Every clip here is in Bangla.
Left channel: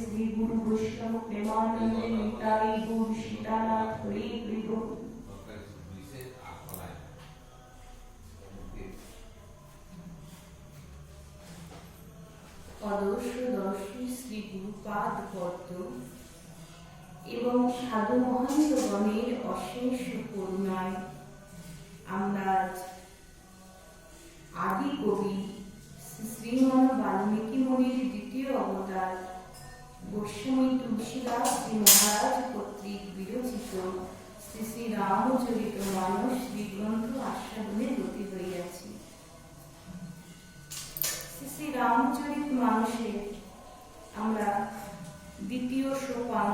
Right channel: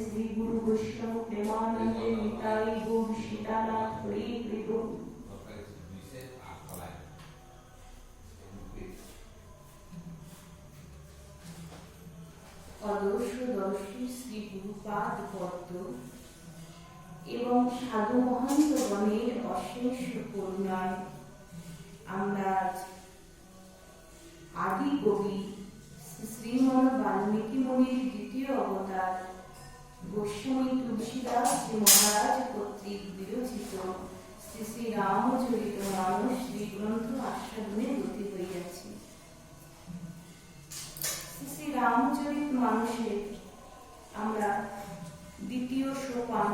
শ্রী গুরু বৈষ্ণব প্রেমানন্দে নিতাই গৌর সীতানাথ হরি হরি বল। অদর্শদর্শী শ্রী গুরুপাদ পদ্ম এবং সাধু মহন্তগণের অশেষ করুণায় আমরা আদি কবি শ্রীমন বাল্মীকি মুনির দ্বিতীয় অবতার গোস্বামী তুলসীদাস শ্রী মহারাজ কর্তৃক বিরচিত শ্রী শ্রী রামচরিত মানস গ্রন্থ আস্বাদনে দুটি হইয়াছি। শ্রী শ্রী রামচরিত মানসে আমরা দ্বিতীয় সোপান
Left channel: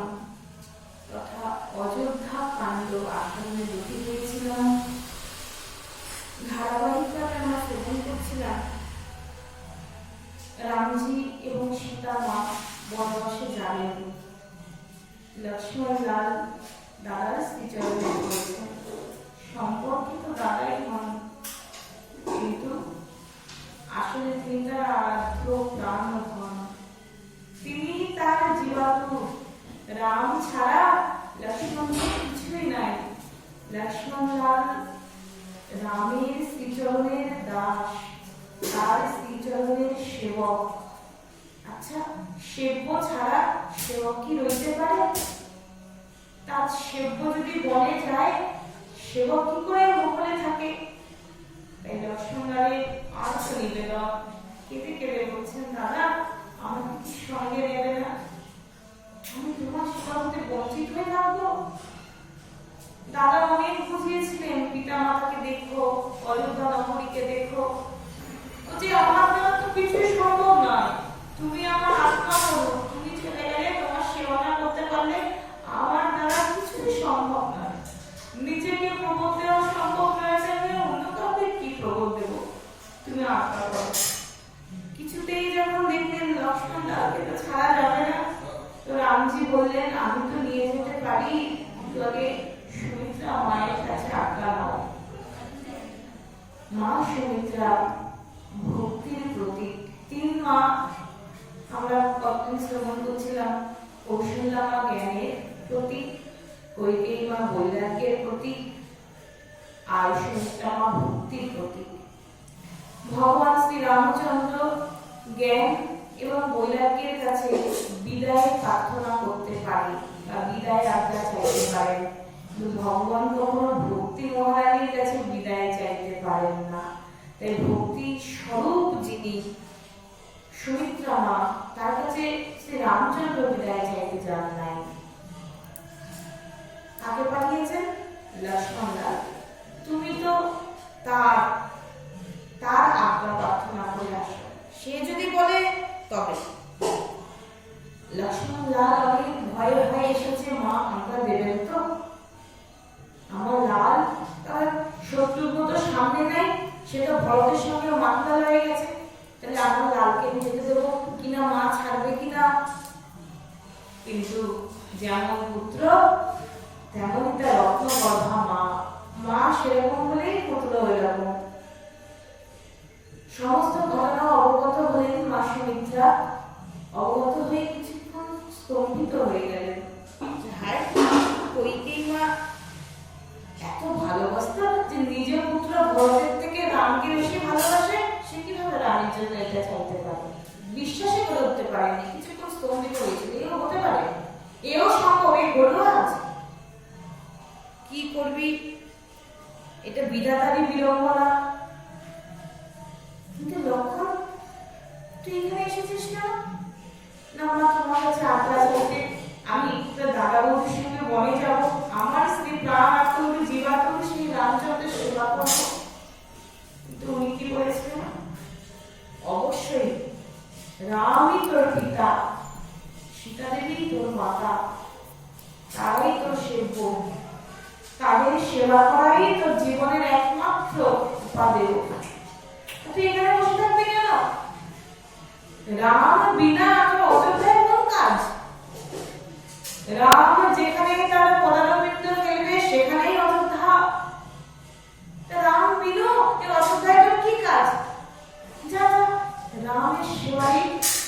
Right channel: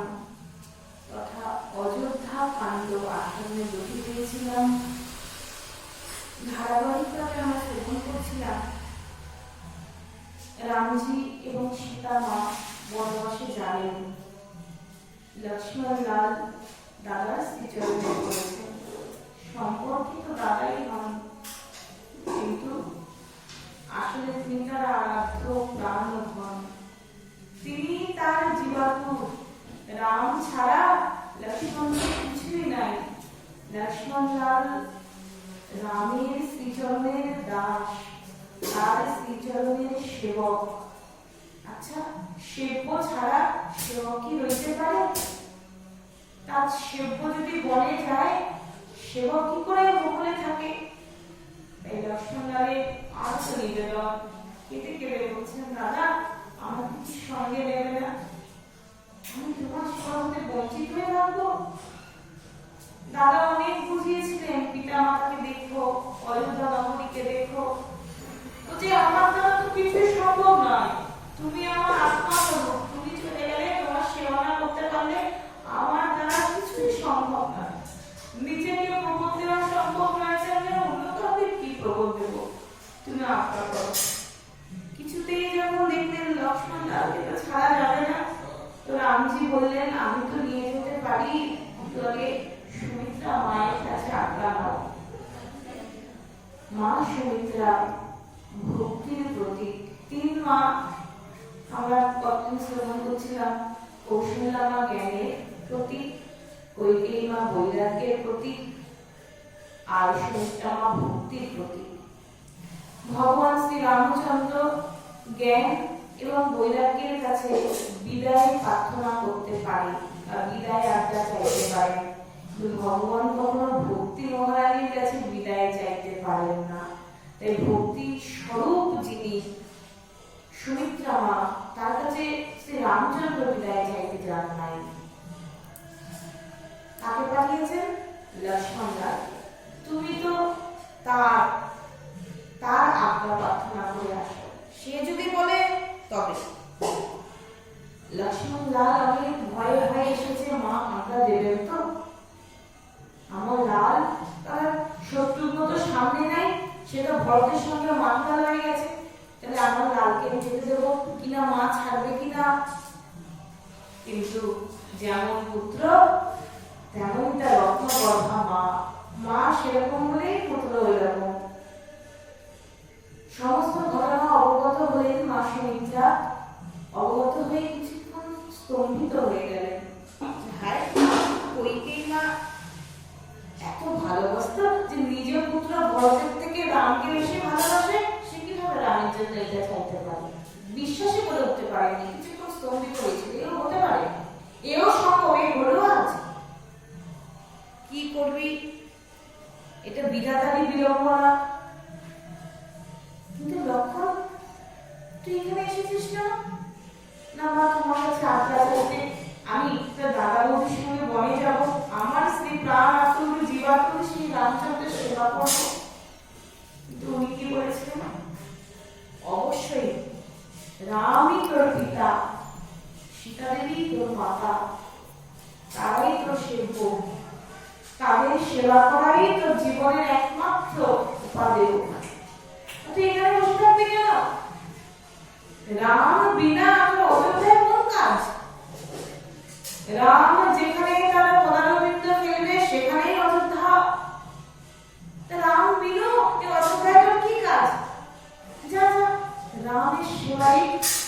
তথা অযোধ্যা কাণ্ড আস্বাদনে দুটি হয়েছিলাম। ধারাবাহিকভাবে আমরা শ্রবণ করছিলাম রামজি এবং সীতা মা বনবাসে যাবেন, লক্ষ্মণ লাল দাদার শ্রীচরণে পড়েছেন। সম্পর্কিত দাদাই হন, কিন্তু আসলে তিনি তার আরাধ্য প্রাণ হন। তিনি তার জীবাত্ম। রাম ছাড়া লক্ষ্মণের কিছুই নাই। লক্ষ্মণ লাল রামের শ্রীচরণের দাস, তার শ্রীচরণের সেবক। আচ্ছা, সেব্য ছাড়া সেবক কি রইতে পারে? তার সেব্য যদি বনে যায়, সেবক কি করে গোপনে থাকে? তাই লক্ষ্মণ লালের আর্ত নিবেদন কেটে কেটে বলছেন, দাদা আমার কিছু সঙ্গে নেবে না? আমি তোমার সেবা হতে বঞ্চিত হয়ে থাকবো? দাদা অনেক বুঝিয়েছিলেন, পিতা মাতাকে দেখো, অযোধ্যা নগরীকে দেখো, যে আমার দ্বারা তো কিছুই সম্ভব নয়। তুমি আমার আত্মা হলো, তুমি চলে গেলে, তোমার সেবা না করতে পারলে আমার দ্বারা কিছুই সম্ভব নয়। নিজেকে প্রবোধ দেওয়া সম্ভব নয়, অন্য কাউকে কি প্রবোধ দেব? তুমি আত্মা করো। কিছুতেই যখন দেখলেন লক্ষ্মণ লালকে তো ছাড়া যাবে না, তো রামজি বললেন, আমি তো নিয়ে যেতে পারি, কিন্তু আগে সুমিত্রা মায়ের কাছে আজ্ঞা নাও। মা সুমিত্রা ভক্তির প্রতীক। তিন মা আমরা কতদিন শ্রবণ করছিলাম। কৌশল্যা মা জ্ঞানের প্রতীক, কৈকেয়ী মা বৈরাগ্যের প্রতীক, আর সুমিত্রা মা ভক্তির প্রতীক। ভগবান শ্রী রামচন্দ্র জ্ঞান এবং বৈরাগ্যের কাছে বিদায় প্রার্থনা করতে পারে বা বিদায় আজ্ঞা চাইতে পারেন, কিন্তু ভগবান কখনো ভক্তি মহারাজের কাছে বিদায় চাইতে পারেন না। তাই ভক্তি স্বরূপ যিনি সুমিত্রা মা, তার কাছে শ্রী রামচন্দ্র বিদায় চাইতে যান নাই। কাকে পাঠিয়েছেন? লক্ষ্মণ লাল। তুমি তো তার আজ্ঞা প্রার্থনা করে আসো, সে যদি বলে তবে। লক্ষ্মণ লাল আগে ভয়ে ভয়ে এসেছে, মা আজ্ঞা দেবেন তো? আমার লাল তার শত্রুঘ্ন তো সামনে নেই, সে তো ভরতের সঙ্গে মাথা হয়ে গেছে, তাহলে আমার লালকে যেতে দেবো কিনা, মা ছাড়বে কিনা? কিন্তু যেমন পুত্র তেমন তার রত্নগর্ভা মা। মা সেরকম হলেই পুত্র ওইরকম। সমস্ত ঘটনা অবগত হলেন মা সুমিত্রা। অবগত হয়ে কিছুক্ষণ স্তম্ভিত হয়ে গেলেন। হ্যাঁ, কৈকেয়ী মা এত ভালোবাসত যে নিজ পুত্র ভরতের থেকে রামকে বেশি ভালোবাসে, সে কিভাবে রামের জন্য এটা চাইতে পারে? বিশ্বাসই করে উঠতে পারেনি, কিছুক্ষণ স্তম্ভিত হয়েছিল। এও হতে পারে, এও সম্ভব, এই হলো আজ। কি করবি? এটা বিধাতারই বিড়ম্বনা। কিন্তু লক্ষণ, তুই এখানে এসেছিস না? না মা, তোমার কাছে আজ্ঞা আছে, আমি দাদা বৌদির সঙ্গে বনে যাব, আমার স্ত্রী প্রাণ আত্মরূপী জীবাত্মা শ্রী রামচন্দ্রের সেবা করবো। কিন্তু উনি কি বলেছিলেন? অবশ্যই রামই তোর পিতা, সীতা দেবী তোর মাতা, তারাই তোর সেব্য, তাদের সেবা করাই তোর জীবনের একমাত্র উপাদেয়। তুই এখানে বসে থাকবি কেন? রাম বিনা তোর অযোধ্যায় কোন কাজ? রাম যেখানে তার পদারবিন্দ ফেলবে সেখানেই অযোধ্যা। রাম বিনু অযোধ্যায় তোর কি কাজ? যা যা, রামের সেবাই,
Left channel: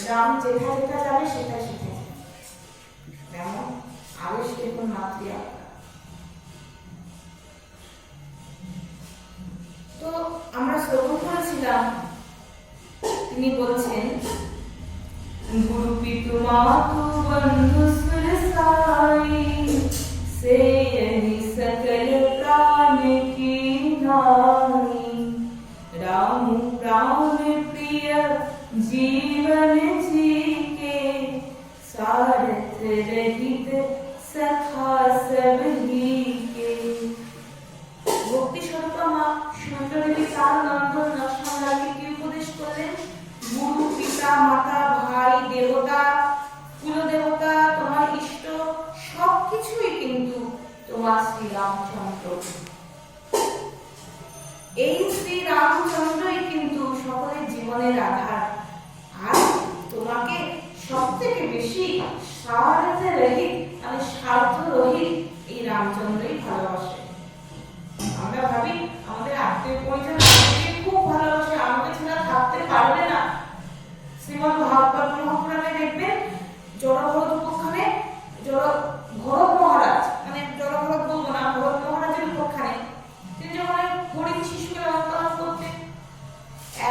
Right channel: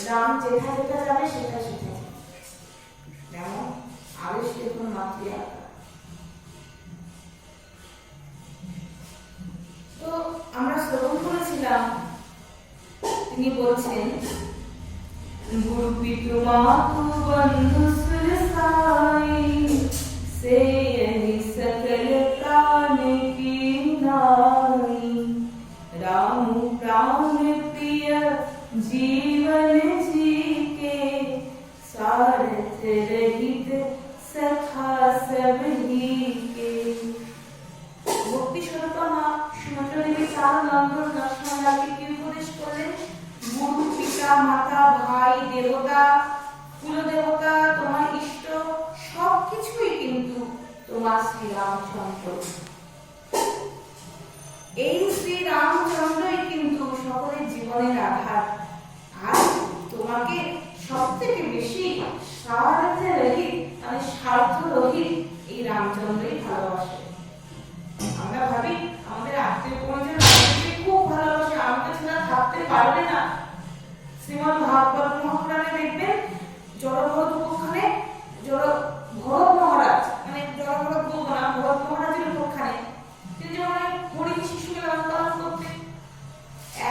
রাম যেটা যেটা যাবে সেটা শিখেছে। প্রথম মাতৃ আজ্ঞা। তো আমরা শ্রবণ করেছিলাম, তিনি বলছেন गुरु पितु मातु बंधु सुर साई से यही सकल प्राण की नाई राम प्राण प्रिय जीवन जी के सारथ रहित सखा सब ही के। भक्ति स्वरूपा মা সুনন্দা দেবী চার নন্দন লক্ষ্মণ লালকে কি উপদেশ করলেন? গুরু পিতা মাতা ভাই দেবতা কুলদেবতা তোমার ইষ্ট সবকিছুই কিন্তু তোমার শ্রী রামচন্দ্র। এই শ্রী রামচন্দ্রই কিন্তু সকলের জীবনের আধার। আর তোমাকে সব থেকে বেশি স্বার্থ রহিত মানে স্বার্থ রহিত এই রামচন্দ্রই ভালোবাসে। আমরা ভাবি আমাদের আত্মীয় পরিজন আমাকে খুব ভালোবাসে, আমাকে ছাড়া থাকতে পারবে না। শ্রীমদ ভাগবত মহাপুরাণে দেখবেন জড়ভরত উপাখ্যানে ভরত মহারাজ মানে জড়ভরত বলবো না, ভরত মহারাজের উপাখ্যানে তিনি যখন হরিণ শিশুকে লালন পালন করতেন,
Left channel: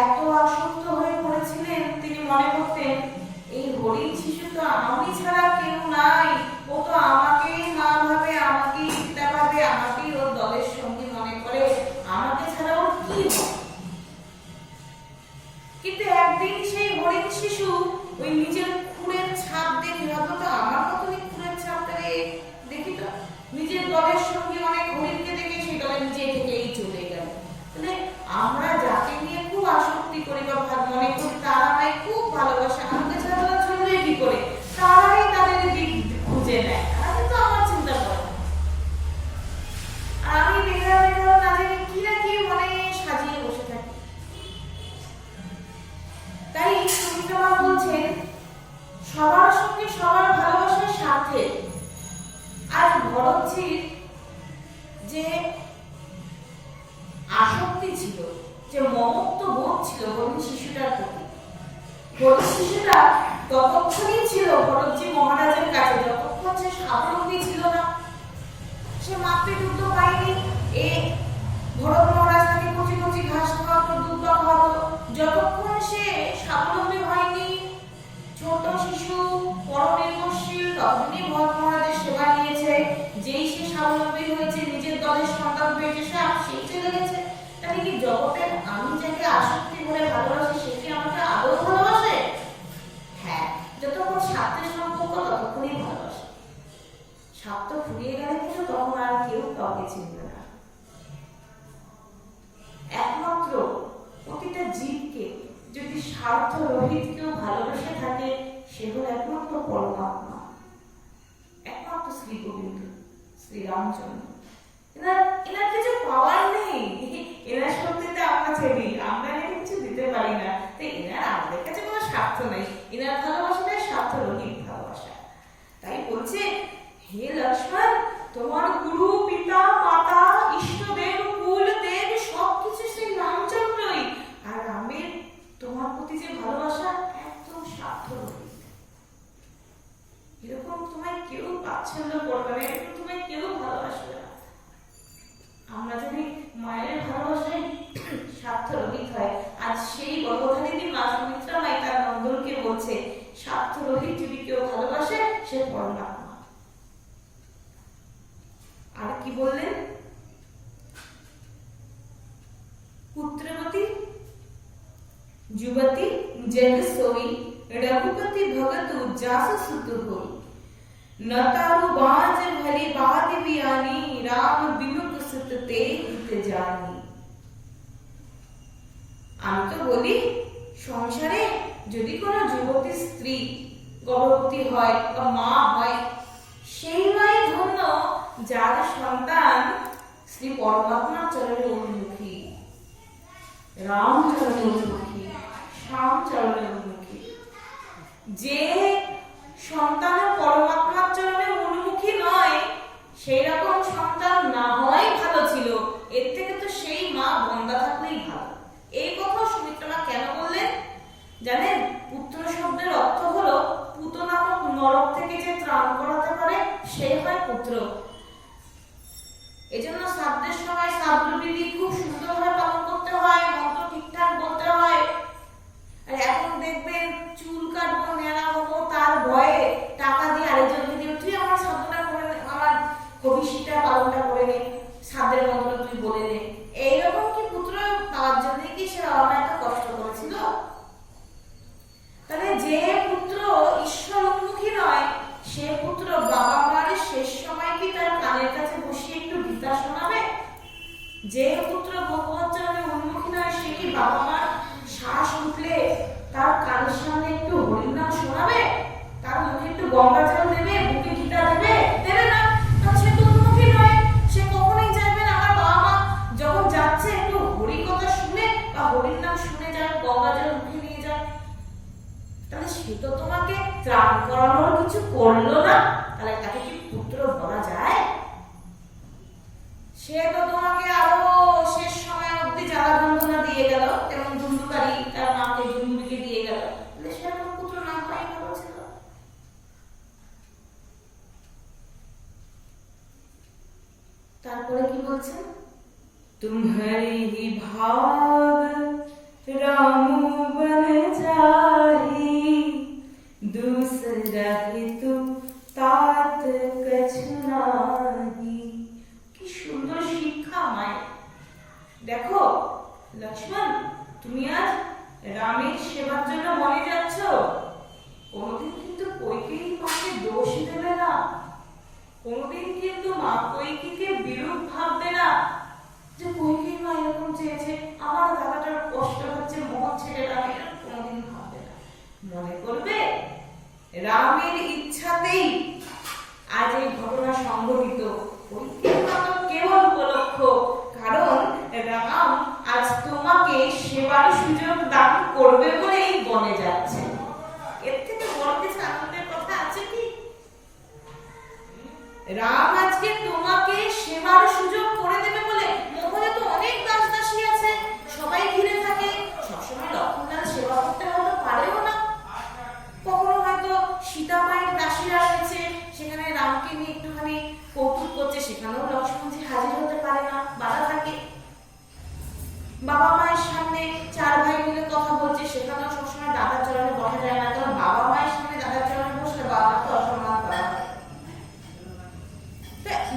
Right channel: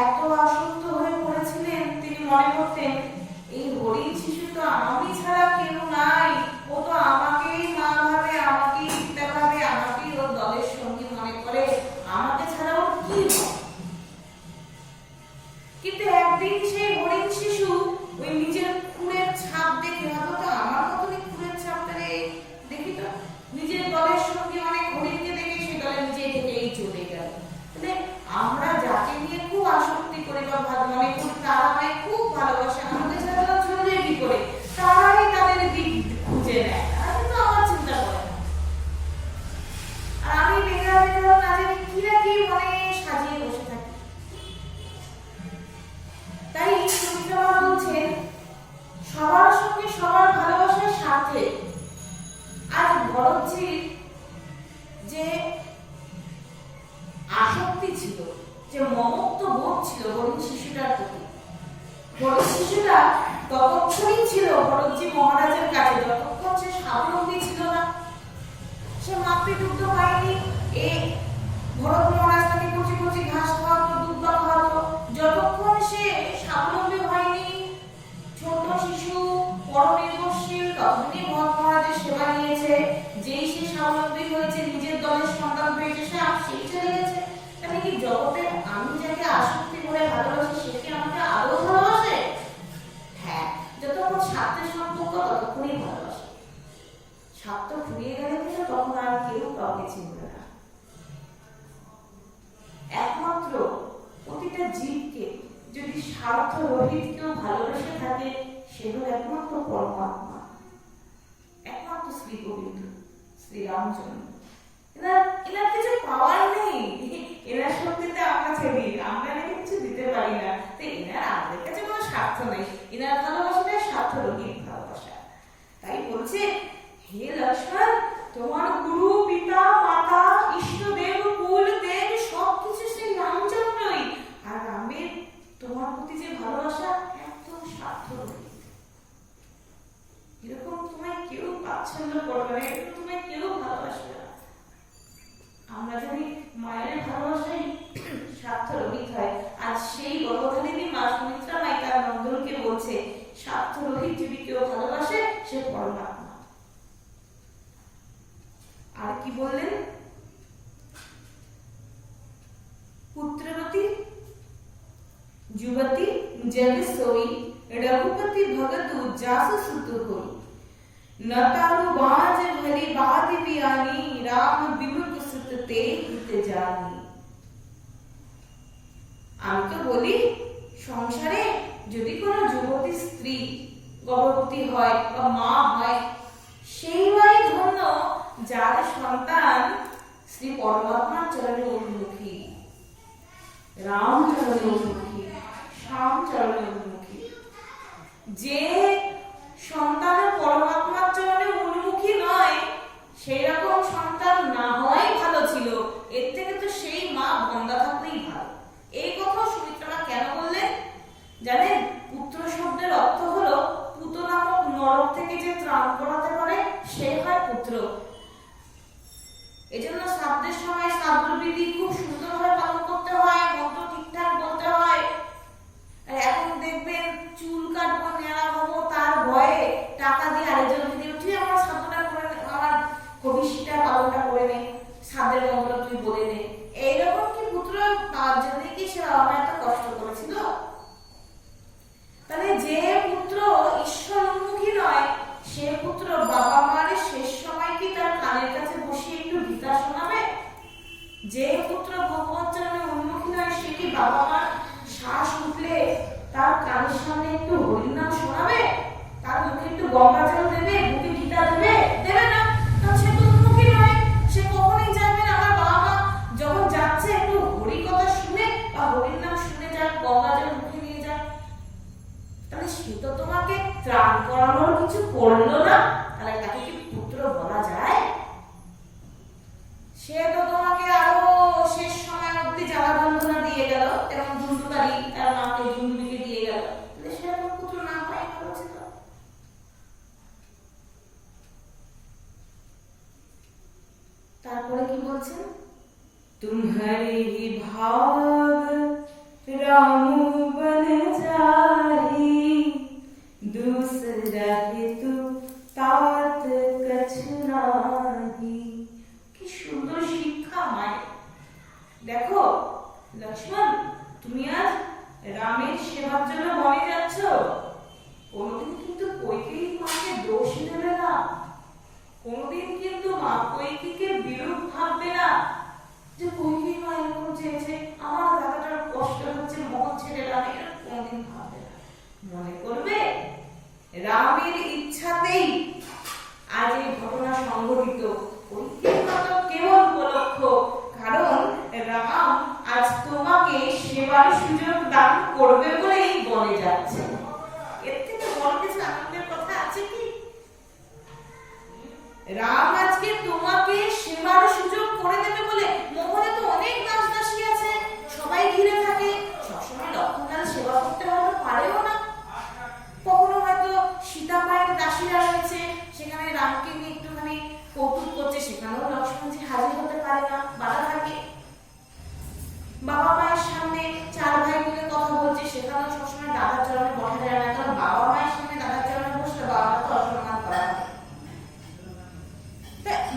এত আসক্ত হয়ে পড়েছিলেন তিনি মনে করতেন এই হরিণ শিশু তো আমি ছাড়া কেউ নাই, ও তো আমাকেই মা ভাবে, আমাকেই পিতা ভাবে, আমাকেই ওর দলের সঙ্গী মনে করে, আমাকে ছাড়া ওর কি হয়। কিন্তু একদিন সেই হরিণ শিশু ওই নিজের খুরের ছাপ দেখে ভাবলো তো আমার কতদিন খুরের ছাপটা দেখি তো, নিজের দলের সঙ্গে অনেক হরিণকে দেখে সেই দলে নিজে থেকেই চলে গেল। তাহলে আমরা যাকে নিয়ে খুব আসক্তি করি বা মনে করি তারা আমায় খুব ভালোবাসে, আমাকে ছাড়া চলবে কি করে, তারাই তাদের দিক খুঁজে নেয়, তারা কিন্তু আমার চিন্তা করে না। আর আমি বেকার না জানি কি না কি মনে সাজিয়ে বসে থাকি। তাই সুমিত্রা বলছেন সবার সঙ্গে সবার ভালোবাসার সাথে আজ ভরতজির যে আসক্তি ছিল, যে মমত্ব বোধ ছিল হরিণ শিশুটার প্রতি, হরিণ শিশুটা ততক্ষণই ছিল ভরতজি মহারাজের কাছে যতক্ষণ সে স্বাবলম্বী ছিল না, সে মাতৃদুগ্ধ পায়নি। এই ভরত মহারাজ তাকে কচি কচি ঘাস খাওয়াতো, দুধ খাওয়াতো, যতক্ষণ সে স্বাবলম্বী হয়নি, ছোট শিশু পরনির্ভরশীল, তখনই ভরত মহারাজের সেবা নিয়েছে। যেই সে স্বাবলম্বী হয়েছে, নিজের দলের সন্তান হয়েছে, সেই চলে গেছে। তাহলে কি জগতে আমি যাকে আসক্তি করে ভালোবাসি সে কি আমাকে আদৌ ভালোবাসে? হ্যাঁ, যতক্ষণ স্বার্থের সম্পর্ক ততক্ষণই ভালোবাসে। স্বার্থ ফুরিয়ে গেলে কিন্তু তখন আর কেউ কাউকে চিনবে না। একমাত্র প্রতিটা জীবকে যদি স্বার্থ রহিত কেউ ভালোবেসে থাকে সে হল একমাত্র পরমাত্মা, একমাত্র শ্রী গোবিন্দ শ্রী রামচন্দ্র। এনার কিছু পাওয়ার নেই, এনার শক্তিতে আমরা ছেড়ি, আমরা এনাকে কিছু দিতে পারি না। তো এনার আমাদের কাছে কোনো স্বার্থ নেই, এনার ভালোবাসাটা স্বার্থ রহিত ভালোবাসা। তাই বলছে হে লক্ষ্মণ, তোমার গুরু পিতা মাতা ইষ্টদেব কুল দেব সবকিছু সেই রামচন্দ্রই। আর রামের তোমার প্রতি যে ভালোবাসা একদম স্বার্থ রহিত। এরকম তোমায় কেউ পছন্দ করবে না, এরকম তোমায় কেউ ভালোবাসবে না। আমরা যদি মায়ের ভালোবাসায় স্বার্থ রহিত হয়, আজ সেই গর্ভধারিণী মা সুমিত্রা মাই তার নন্দনকে বলছে স্বার্থ রহিত যদি কেউ ভালোবাসে সে পরমাত্মা। আর কি বললেন? पुत्रवती जुवती जग सोई रघुपति भगत जासु सुत होई न तारु बाज भली बात बियानी राम विमुख सुत ते हित जानी। আমি তো বলি সংসারে যদি কোনো যুবতী স্ত্রী গর্ভবতী হয় বা মা হয় সেই মাই ধন্য যার সন্তান শ্রী পরমাত্মার চরণে উন্মুখী, রাম চরণে উন্মুখী, শ্যাম চরণে উন্মুখী। যে সন্তানের পরমাত্মার চরণে উন্মুখী নয় সেই রকম সন্তান না হয় ভালো ছিল, এর থেকে তো সেই মা বন্দা থাকলেই ভালো। এই কথা সুমিত্রা কেন বললেন জানেন? পুত্র শব্দের অর্থ হলো পুত নামক নরক থেকে যে ত্রাণ করাতে পারে সেই হয় পুত্র। এজন্য শ্রাদ্ধের সময় শ্রাদ্ধ বিধি খুব সুন্দরভাবে পালন করতে হয়, মন্ত্র ঠিকঠাক বলতে হয়। আর এখন দেখবেন চুল কাটবো, নেড়া হবো, তার ভয়ে টাকা দিয়ে আরেকজনকে দিয়ে তুই আমার শ্রাদ্ধটা করে নে, আমার ভবিষ্যৎটা পালনটা করে নে, শ্রাদ্ধের মন্ত্র তুই বলে নে। এইরকম কি পুত্র পাওয়ার জন্য কি সে বাবা মা এত কষ্ট করেছিল? তাহলে যে পুত্র ঈশ্বর উন্মুখী নয়, সে পুত্র বাবা মার শেষ সময় কি তার কানের কাছে বসিয়ে একটু গীতা শোনাবে? যে পুত্র ভগবত চরণে উন্মুখী নয়, সে কি বাবা মার শ্বাস উঠলে তার কানের সামনে একটু হরিনাম শোনাবে? তার মুখে একটু গঙ্গা জল দেবে, বুকে গীতা দেবে? দেবে না। কারণ সে তো উন্মুখী নয়। সে কখনোই চাইবে না আমার বাবা মা যখন যাচ্ছে একটু হরি কথা শুনে বা হরির নাম শুনে যাক, গঙ্গা জল মুখে নিয়ে যাক। তাহলে সে তো তোমাকে ত্রাণ করানোর কিছু করলো না, তাহলে তাকে কি পুত্র বলা যায়? সে তো তোমাকে আরো শেষ সময় অব্দি জ্বালা যন্ত্রণা দিয়ে গেল, তেমন ধুন্দুকারী তার মাকে ধুন্দুকে দিয়ে গেল, তাহলে সে তো পুত্র না হয় ভালো ছিল। তারপরে কি বলছেন? तुम्हारे ही भाग राम बन जाही, दूसरा ही तू तात कछु नाही। কি সুন্দর শিক্ষা মায়ের। দেখো লক্ষ্মণ, তুমি আজ রামের সেবার জন্য বনে যাচ্ছ, কোনদিন কিন্তু কইকেয়ী মাকে দোষ দেবে না, কোনদিন কিন্তু মা কইকেয়ীকে বিরূপ ভাববে না যে কইকেয়ী মা এরকম চেয়েছে, আমার দাদাটার কষ্ট হচ্ছে, মন ছেড়ে রাম, এরকম কোনদিন ভাববে না। মনে করবে রামের ইচ্ছাতেই আজ এই ঘটনা সংঘটিত, কইকেয়ী মা তো কেবল উপলক্ষ, কারণ রাম আজ তোমাকে সেবার সুযোগ দান করবে বলেই বনে যাচ্ছে। এর থেকে বড় কিছু আনন্দের কথা আছে কি? রাম আজকে তোমাকে সেবার সুযোগ করে দেবে বলে। মহলে তো অনেক দাস দাসী আছে, সবাই ঘিরে থাকে, সবসময় লক্ষ্মণলাল সেবা করতে হয়তো পারেও না। কখনো হয়তো সীতা মায়ের দাসীরা রয়েছে, সেখানে রামকে নিয়ে একটুখানি কৌতুক করছে, সেখানেও লক্ষ্মণজি হাজির হতে পারে না, বাধা থাকে। বাবা মায়ের সামনে চার ভাই মিলে কথা বলছে, সেখানেও সবসময় দাদার চরণে বসা যায় না, কারণ বাবা মায়ের সামনে দাদার চরণে বসলে বাবা মাকে অসম্মান করা হয়।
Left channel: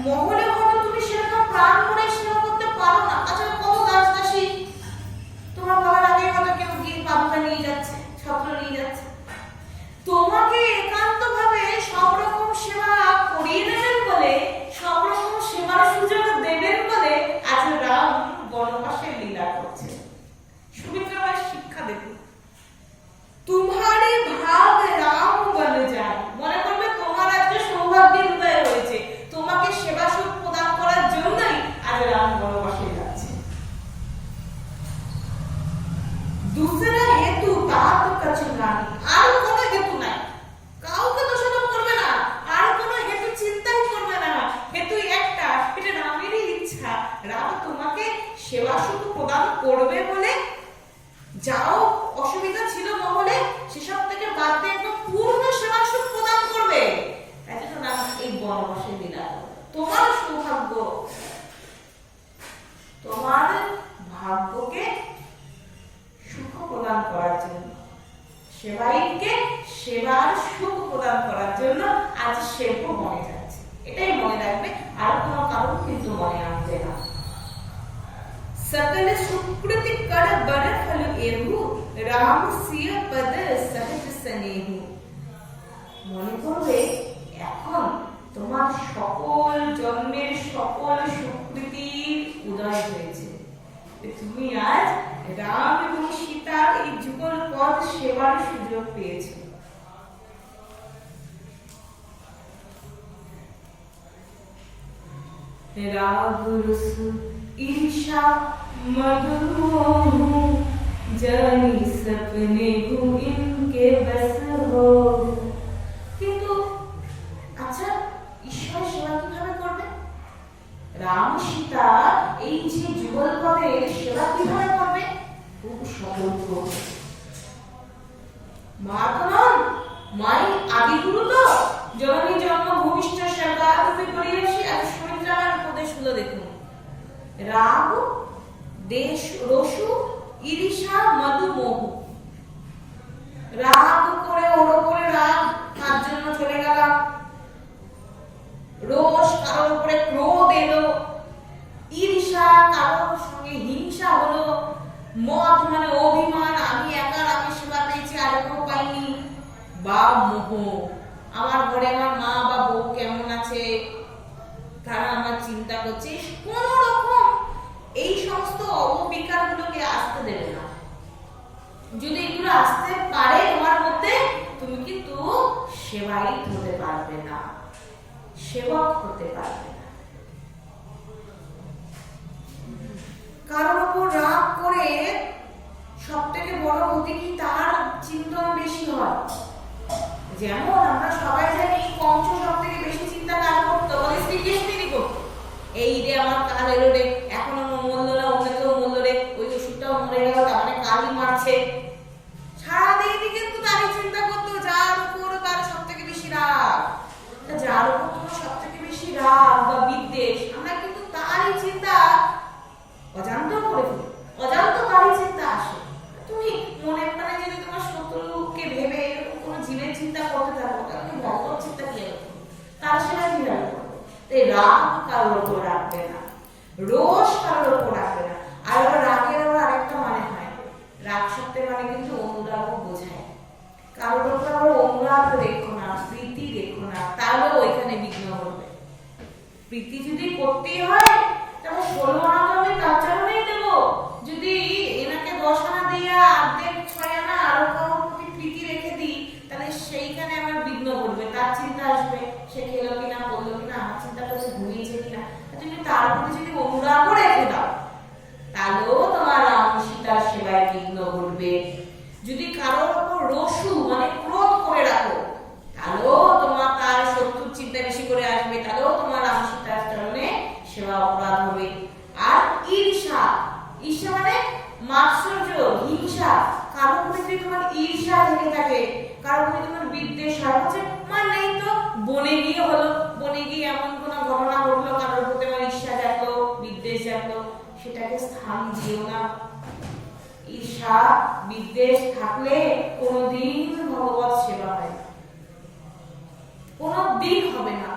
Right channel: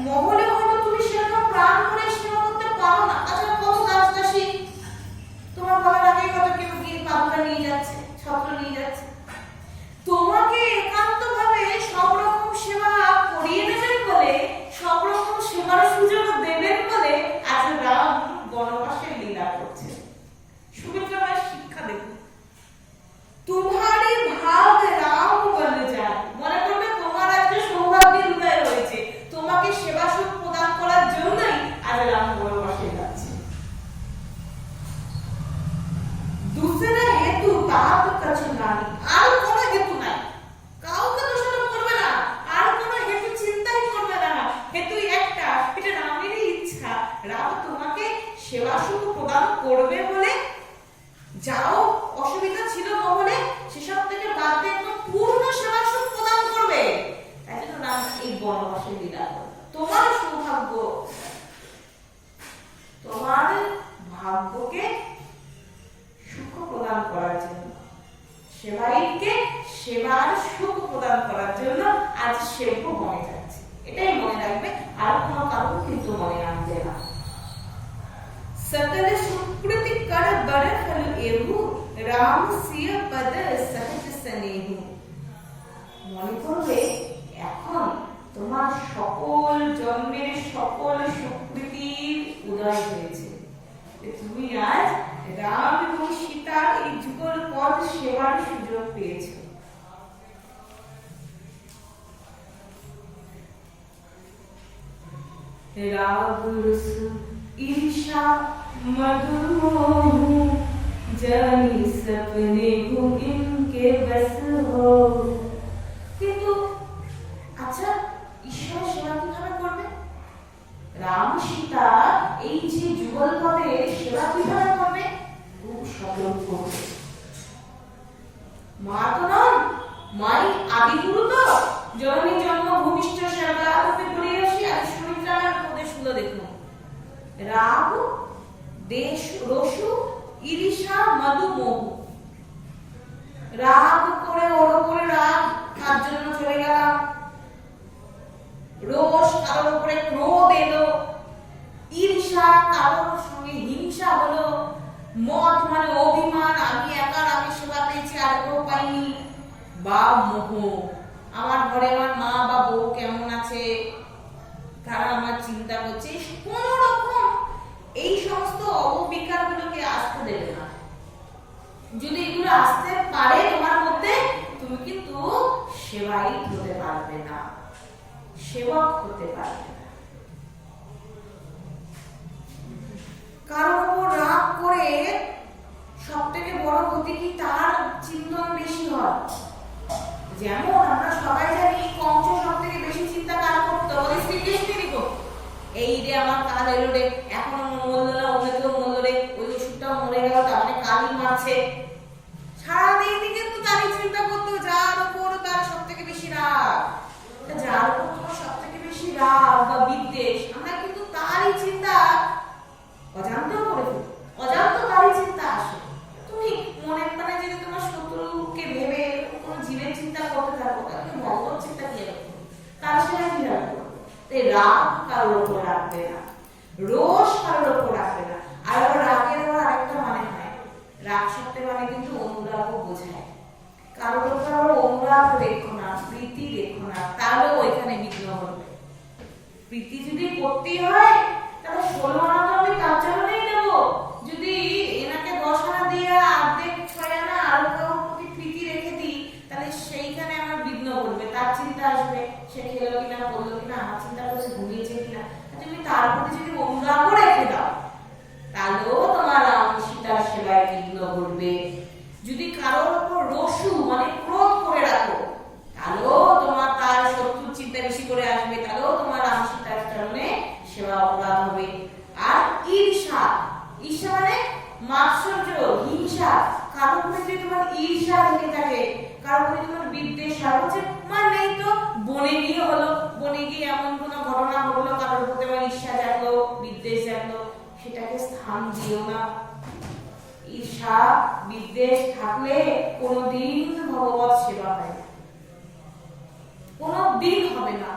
মহলে হয়তো তুমি সেরকম প্রাণ করে সেবা করতে পারো না। আচ্ছা, কত দাস দাসী তোমার বাবার আগে হয়তো কেউ গিয়ে পাদুকা নিয়ে যাচ্ছে, ছত্র নিয়ে যাচ্ছে, তোমাকে একান্ত ভাবে সব রকম সেবা করিয়ে নেবেন বলে, সব রকম সেবার সুযোগ দেবেন বলে আজ রাম বনবাসের লীলা করছে। সুমিত্রা মায়ের শিক্ষা দেখুন, তোমারই ভাগ রাম বনে যায়। মনে করবে তোমার আজকে সৌভাগ্যের উদয় হয়েছে, তোমাকে সেবা সুখ প্রদান করার জন্যই আজ রাম বনবাসে যাচ্ছে। दूसरा हेतु तात कछु नाही, আর কোনো হেতু নাই, কাউকে দোষারোপ করবে না, আর কোনো হেতু চিন্তাই করবে না। হেতু একটা, এটা রামেরই ইচ্ছা, রাম তোমাকে সেবা সুখ প্রদান করবে বলে যাও অসুবিধা ছিল মহলে সেসব থেকে বাদ দিয়ে একদম পূর্ণ সেবা সুখ প্রদান করবে। তাই জন্য রাম এই বনবাসে লীলা। তোমার সৌভাগ্য, তোমার ভাগ্যকে সুখ প্রদান করার জন্য, সেবায়িতকে সেবার সুখ প্রদান করার জন্য আজ সেব্য বনে যাচ্ছে। এটাই মনে রাখবে, আর কোনো কারণ কিন্তু মনে আনবে না। सकल सुकृति कर बर फल एहु, राम सिय पद सहज स्नेहु। মনে করবে এখন তোমার সকল জন্মের সকল সুকৃতির উদয় হয়েছে, তুমি আজ রাম এবং সীতার এই যুগল পদ সেবার সুযোগ পেয়েছো। রাগ রস ईर्षा मधु मोह जानी सपने हो इनके बस हो। কিন্তু আচ্ছা, ঈশ্বর সেবা কিভাবে করবে? রাম সীতা এই যে যুগল পদের সেবা কিভাবে করবে? খুব সতর্ক। মা তো নন, মাই আদি গুরু তো, জননী জন্ম ভূমিষ্ঠ সেবা দেশ রসু ঈর্ষা মধু মোহ। রাগ করে ওর উপরে রাগ, তার জন্য চলে গেলাম। রোষ, কারোর উপরে ক্রোধ এলো। ঈর্ষা, কারোর সঙ্গে হিংসা হলো। মদ মানে অভিমান, আমি একার, আমি সেবা পেয়েছি আর কেউ পাইনি। বা মোহ, আমার ঘরে আমার মা বা বউ কেমন আছে, তারা আমার চিন্তা করছে। কোন রকম এই সমস্ত অববিকার গুলোকে আসতে দেবে না। যদি এগুলো আসতে পারে তোমার মধ্যে, তুমি কিন্তু সেবায়িত হতে পারবে না, সেবক হতে পারবে না। কারোর উপর রাগ করে সব থেকে বড় ক্ষতি কি, তার চিন্তন বেশি হয়। যেমন আমরা সবাই জানি কংস সব থেকে বেশি চিন্তা কার করতো, বলে শ্রীকৃষ্ণেরই করতো। এই রে আমার কাল এলো রে, এখনো মরল না, অন্য কেউ মরল রে, ওই ওষুধটাও মরে গেল, তার মানে কালই মারছে। সারাদিন কিন্তু তারই চিন্তা করতো, যার উপর তার সব থেকে বেশি রাগ। যার উপর তোমার সব থেকে বেশি রাগ বা বিদ্বেষ, আমরা কিন্তু তারই চিন্তা অজান্ত করে ফেলি, অজান্ত তারই চিন্তা আসে। তুমি মনে প্রাণে যদি তোমার শত্রুকে ভেবে এরকম কোনো জীবের চিন্তা করতে থাকো, তাহলে ভগবত চিন্তা কি হবে, তার সেটা কি হবে? তাই রাগ কারোর উপর রাখবে না, রোষ কারোর উপর রাখবে না। আর আবার রাগের আবার আরেকটা মানে হয়, রাগ শব্দের মানে কিন্তু অনুরাগও বোঝায়। কারোর উপর আবার অনুরাগ রেখো না, প্রীতি রেখো না, তাহলেও ওইখানে বিঘ্ন ঘটবে। প্রীতি যদি করতেই হয়, তাহলে 16 আনা তো আমি তার জন্যই দেবো। যদি এনাকে 10 আনা দিয়ে অর্ধেক 6 আনা আরো কারোর প্রতি প্রীতি রেখে দিই, তাহলে সেইখানে আমার বিঘ্ন ঘটবে। তার চিন্তা আসবে, সে খেলো কিনা, বললো কিনা, আমার চিন্তা করছে ঘুমিয়েছে কিনা। তুমি তার প্রতি যদি অনুরাগ রেখে দাও, তাহলেও তোমার রাম সীতার সেবায় বিঘ্ন ঘটবে। যদি কারোর উপর রসু মানে ক্রোধ করে রাখো, তাহলেও তোমার তার শত্রুর চিন্তা বেশি করে আসবে, তাহলেও তোমার রাম সীতার চরণে সেবা অপরাধ হবে। আর ঈর্ষা, ঈর্ষা মানে মাৎসর্য, হিংসা। কারোর প্রতি যদি তোমার ঈর্ষা থেকে থাকে, কারোর প্রতি তোমার বিদ্বেষ হয়, হচ্ছে মানে তো বনে গিয়ে হলো, বনে গিয়ে এমন কোনো ঘটনা ঘটলো, কারোর প্রতি আমার ঈর্ষা জাগলো, বিদ্বেষ জাগলো, সেটাকে স্থান দিও না। ঈর্ষা বিদ্বেষ থাকলে কোনোদিন ভগবত সেবা হয় না, কোনোদিন হবে না।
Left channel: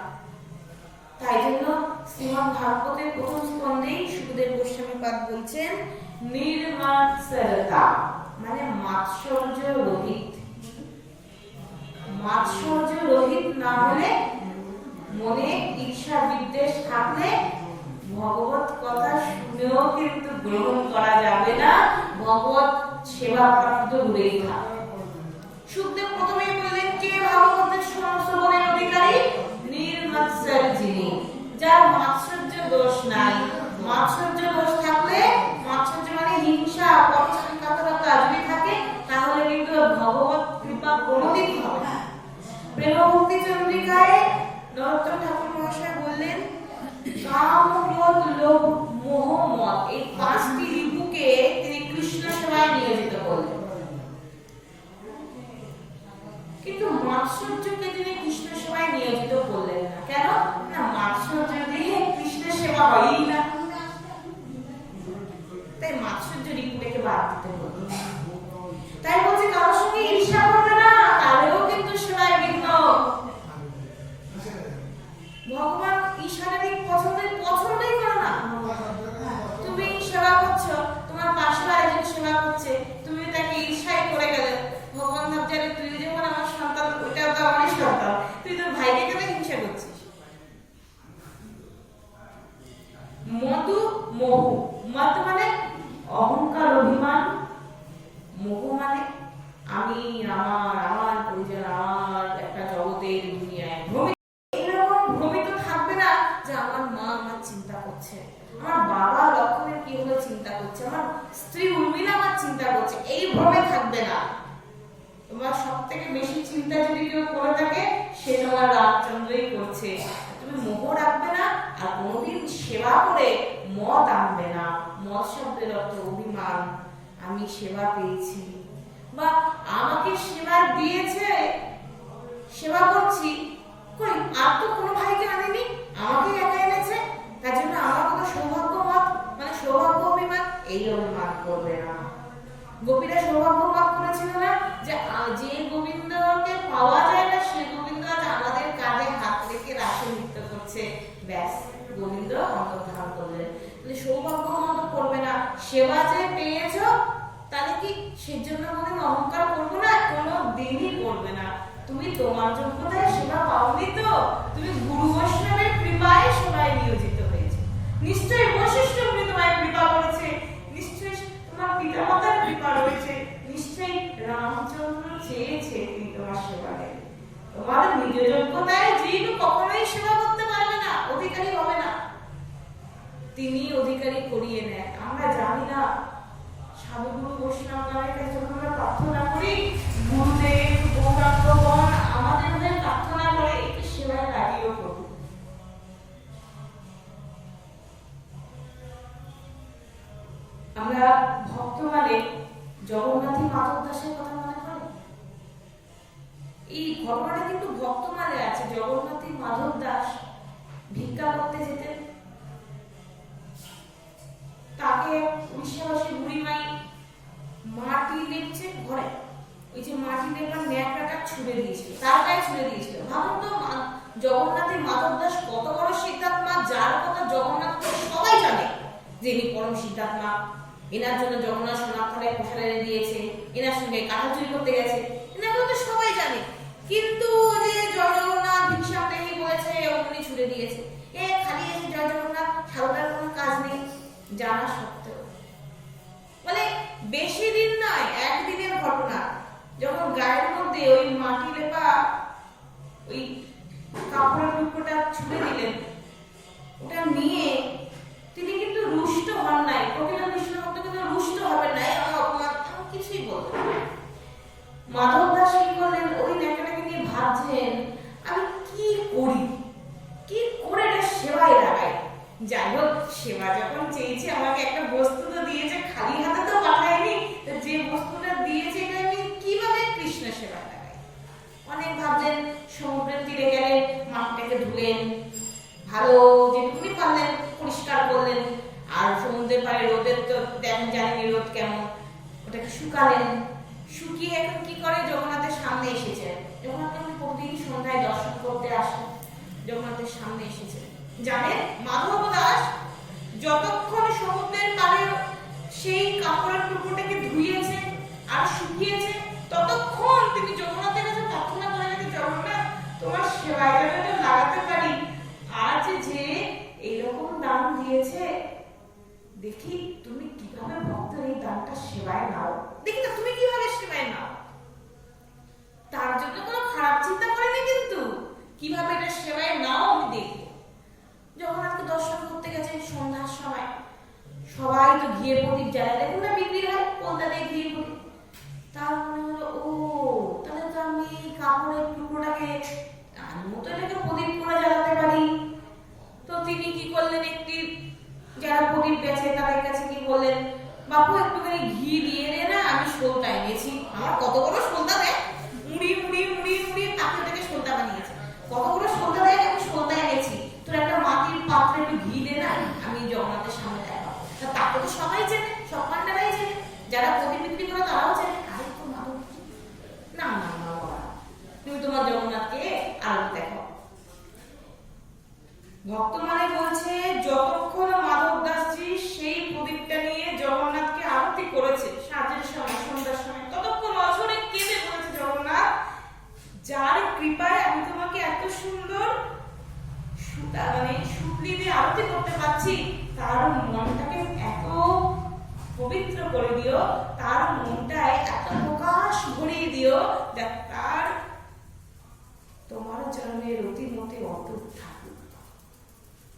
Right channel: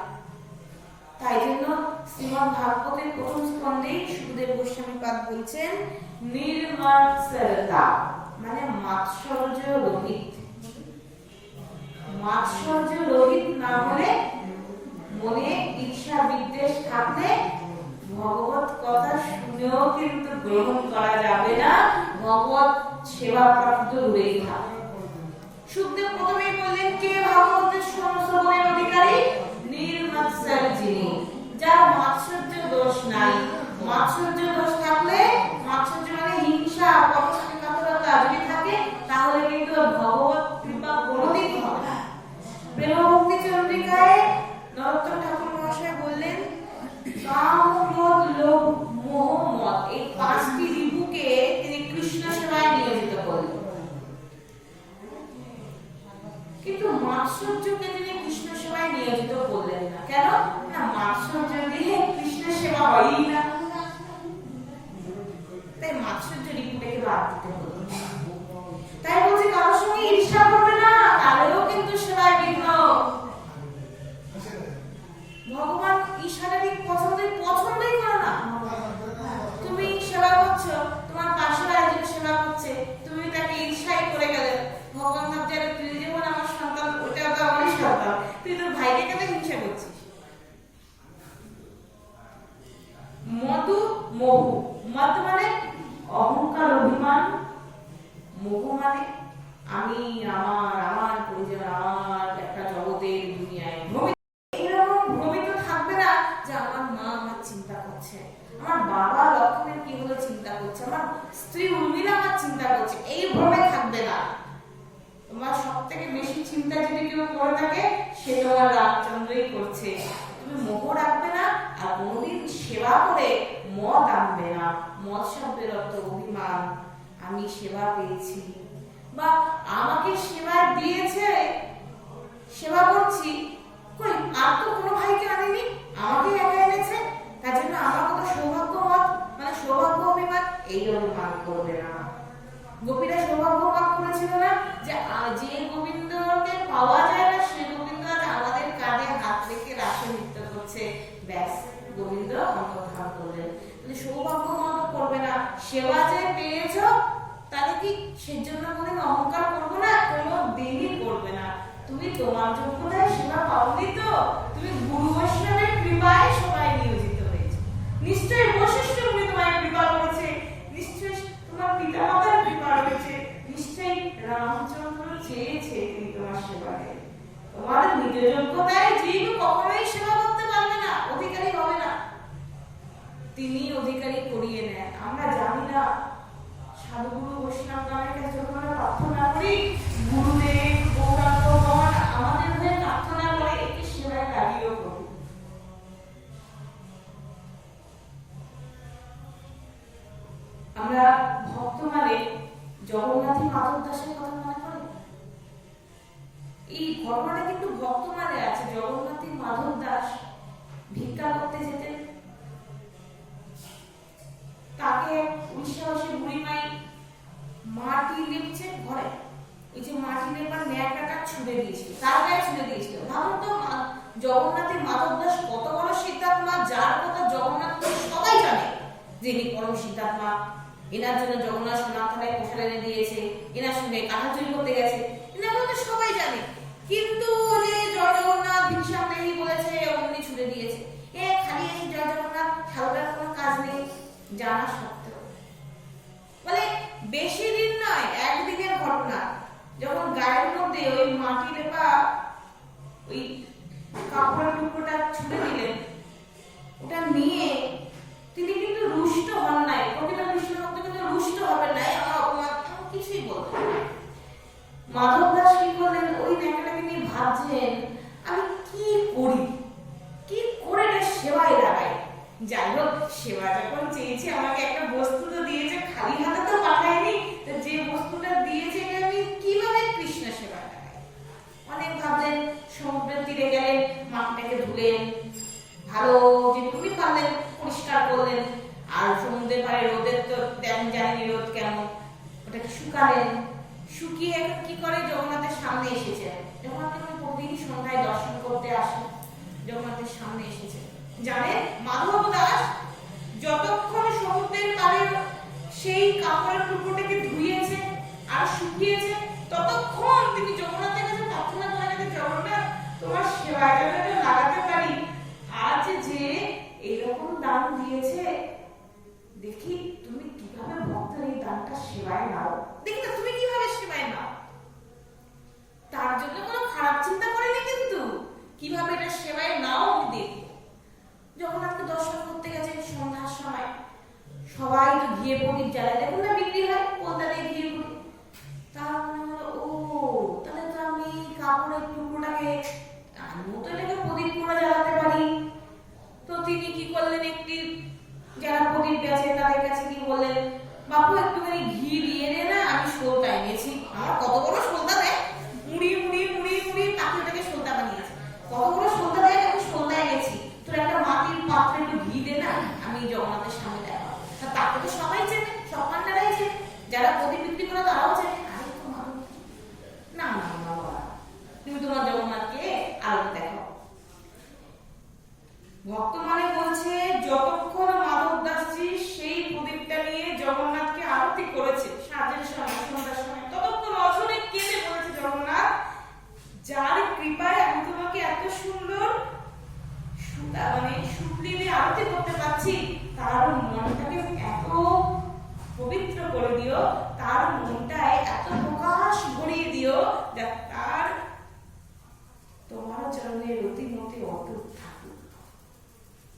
তাই জন্য শ্রীমদ্ ভাগবতের প্রথম স্কন্ধেই সুখদেব গোস্বামী পাদ বলছেন নির্মাৎসরতা মানে মাৎসর্য রহিত। মাৎসর্য রহিত না হলে, মনে ঈর্ষা বিদ্বেষ থাকলে ভগবত কথা শুনেও কিন্তু গ্রহণ করা যাবে না, ভগবত সেবা প্রাপ্ত দূরেই থাকবে। সুখদেব প্রথমেই বললেন কে ভাগবতের শ্রবণের অধিকারী, নির্মাৎসর যিনি, যার মাৎসর্য দোষ নাই। মাৎসর্য দোষ থাকলে, মাৎসর্য মানে হিংসা, পরস্পর কাতরতা যদি থাকে, তাহলে কিন্তু ভগবত কৃপা কোনোদিনই হবে না। প্রেম ভক্তি চন্দ্রিকায় নরোত্তম ঠাকুর মহাশয় বললেন কাম ক্রোধ লোভ মোহ মদ, এই 5টি রিপুকে তিনি কৃষ্ণ সেবায় নিয়োজিত করলেন। কিন্তু মাৎসর্যকে তিনি কৃষ্ণ সেবায় নিয়োজিত করলেন না। কেন না? মাৎসর্য দিয়ে কৃষ্ণ সেবা হয়ই না, তাই মাৎসর্য রিপুটাকে বাদ দিতে হলো। তাই বলছে কারোর সঙ্গে ঈর্ষা করবে না, তাহলেও কিন্তু সেবায় বিঘ্ন। ভগবান ঈশানারিক পছন্দই করো না। তুমি সেবা করছো, তোমার পাশে একজন সেবা করছে, তুমি তাকে ঈর্ষাই করে গেলে, ভগবান ভাবছে তুই যেমন আমার সন্তান, ওইটাও তো আমারই সন্তান, তুই তোর ভাইকে কেন হিংসা করছিস। মধু মোহ, মত মানে অহংকার অভিমান, মোহ মানে আমি, আমার পরিজন, আমার একটা জগতের দুনিয়ায় এইরকম ভ্রমিত থাকবে না যে আমার মা আমার চিন্তা করছে, আমার বাবা লক্ষ্মণের কি হলো চিন্তা করছে, আমার স্ত্রী উর্মিলা আমার চিন্তা করছে, এই ভ্রমে থাকবে না। তোমার সব থেকে বেশি চিন্তা যদি কেউ করে থাকে, সে তোমার রামচন্দ্রই করছে। তুমি মোহ রাখবে না, আর কোনোদিন সেবা করে মদ আনবে না। মদ শব্দের অর্থ অভিমান, আমি সেবা পেয়েছি বা আমাকে সেবা দিয়েছে, সেবা করছি, কই আর তো কোনো ভাইকে আনেনি, আমাকে একা এনেছে, তার জন্য আমার কত সৌভাগ্য মত মানে সৌভাগ্য অভিমান, এইরকম করবে না। গোপীরা সৌভাগ্য লাভ করেছিল না যে যে গোবিন্দকে পাওয়া যায় না সে গোবিন্দ আজ আমাদের কাঁধে হাত রেখে রাসে নৃত্য করছে, ব্যাস গোবিন্দ অন্তর্ধান করলেন। তাহলে সৌভাগ্য মন্দ করবে না, সেবা যে পেয়েছ তাহলে কি সেজন্য কোনদিন অহংকার করবো না? কোনো দিনই করবে না। তুমি তোমার যোগ্যতায় সেবা পাওনি তো, তুমি গুরু বৈষ্ণবের কৃপায় সবাই নিয়োজিত হয়েছে। নিশ্চয়ই বশিষ্ঠ মুনি তোমায় কৃপা করেছে, নিশ্চয়ই তোমার পিতামাতার কৃপা রয়েছে, নিশ্চয়ই রামচন্দ্র চেয়েছে তিনি তোমার সেবা দেন। তোমার নিজ যোগ্যতায় জীব কখনোই সেবা করতে পারবে না, অধিকারী হবে না, তিনি অধিকারী করিয়ে নেয়। আমরা জানি না সাধুগুরু বৈষ্ণব নামের কাছে যখন আমরা প্রার্থনা করি, গুরুদেব গৌরাঙ্গগণ আমাদের হয়ে প্রার্থনা করে একটু সেবায় লাগিয়েও করুন। আমরা ভক্ত মানে জগন্নাথী মাধব দাসের কথা মনে করি। এই ঘটনাটা কিন্তু ভক্ত মানে আছে। জগন্নাথী মাধব দাস ভিক্ষা করতে যেতেন, তাকে উড়িষ্যাবাসী বুড়িমাই মাটি লেপছে ঘরে, ওই যে মাটি লেপার ন্যাকড়াটা ছুঁড়ে দিয়েছিল, তার গায়ে ছুঁড়ে দিয়েছিল। ভাবুন তো জগন্নাথী মাধব দাস কত বড় সিদ্ধাত্মা, যার কথা জগন্নাথ সবাই জানে যে ইনি পরম সিদ্ধাত্মা, এনার জন্য জগন্নাথ সোনার থালায় প্রসাদ এনে দিয়েছে, এনার সঙ্গে কাঁথা চুরি করতে গেছে, এনাগুলো তো সবাই জানে। কিন্তু যে জয় জগন্নাথ ভিক্ষাম দেহি বলেছে অমনি ছুঁড়ে দিয়েছে, এ খালি এসে জয় জগন্নাথ সাধুটার কোনো কাজ নেই জানা সত্ত্বেও। মানে বেশি দিন নয়, একদিনের ঘটনা। যখন গায়ের মধ্যে ওই মাটি লেপা ওই কাপড়ের টুকরোটা ছুঁড়ে দিলেন, ওটা নিয়ে তিনি কিন্তু রুষ্ট হন নাই। প্রকৃত কৃষ্ণ ভক্ত কিন্তু রুষ্ট হবেন নাই, আমার অপমান কিছুই বলবেন না। মাধব দাস কি করলেন, ওই ন্যাকড়াটাকে নিয়ে ভাবছেন আমি কি করি, কি করে এটা সেবায় লাগাই। যাই হোক, সেবা যখন চেয়েছে আমাকে একটা বস্তু তো দিয়েছে, খালি হাতে তো পাঠায়নি, যে বস্তুটা দিয়েছে এটা আমি কিভাবে কৃষ্ণ সেবায় লাগাই। অনেক ভাবলেন, সমুদ্রের তীরে গেলেন, মাটিটাকে ধুলেন, ভালো যেটুকুনি পারলেন পরিষ্কার করলেন, আর সমুদ্রের পাড়ে রোদের তো জানেন রোদ কেমন, ওটাকে শুকালেন, শুকিয়ে এখন কি করে জগন্নাথের সামনে এসেছে। জগন্নাথ প্রতিদিন সন্ধ্যায় দর্শন করতে আসে, জগন্নাথের সামনে এসেছে। জানেন মাধব দাস যতক্ষণ সমুদ্রের পাড়ে সেই কাপড়ের টুকরোটাকে ধুইয়েছে আর শুকিয়েছে, ততক্ষণ তিনি জগন্নাথের কাছে প্রার্থনা করে গেছে, জগন্নাথ তোমার সেবায় যাতে লাগাতে পারি। আজ যে এইরকম দান দিয়েছে, দেখি তুমি কিভাবে ভক্তের এই দানটা সেবায় নাও, দেখি না তুমি কিভাবে সেবায় নাও। তার জন্য কোনো খারাপ চিন্তা করেনি, কিন্তু কিভাবে এটা সেবায় নাও আমি দেখবো। জগন্নাথকে দর্শন করতে গেছে সন্ধ্যার সময়, সবাই তো ঘিয়ে প্রদীপ জ্বালায়, দেখুন না বিক্রি হয় কলতা দিয়ে ঘিয়ে প্রদীপ। তার মনে হলো, ও তাহলে তো আমি কাপড়ের টুকরোটাকে মতো এটাকে প্রদীপ করে জ্বালাতে পারি। তো তিনি কি করলেন, একটি যারা প্রদীপ বেচে তাদের কাছে কি বললেন, বাপু একটুখানি ঘি দিয়ে দে না, আমি সলতা এনেছি। আমার কত বড় সলতা দেয়, মুড়ি মুড়ি মুড়ি মুড়ি পাখি ওটাকে সলতা বানিয়েছে, কত বড় সলতা দেয়, আমি সলতা এনেছি, তোর একটা মাটির পাত্রে একটু ঘি দে না, আমি জগন্নাথের সামনে দেখাবো। তাকে তো সবাই চেনে, সব পান্ডারাই চেনে, যারা প্রদীপ বিক্রি করে তারাও চেনে। আরে তো মাধব না না না, তুমি তোমার জগন্নাথকে আরতি দেখো। ভক্ত মানে বলছে যতক্ষণ মাধব দাসজি সেই প্রদীপটা নিয়ে জগন্নাথকে আরতি করেছে সাঁঝের সময় সন্ধ্যার সময়, ততক্ষণ অঝরে কেঁদে বলেছে, জগন্নাথ যার কৃপায় আমি তোমাকে এত সুন্দর মানে শুকলি দিয়ে আরতি করতে পারছি, তার মনটাকে এত পবিত্র করে দিও, তার মনটায় এত প্রকাশ ভরিয়ে দিও, যা তার তোমার চরণের অতিমতি অটুট থাকুক।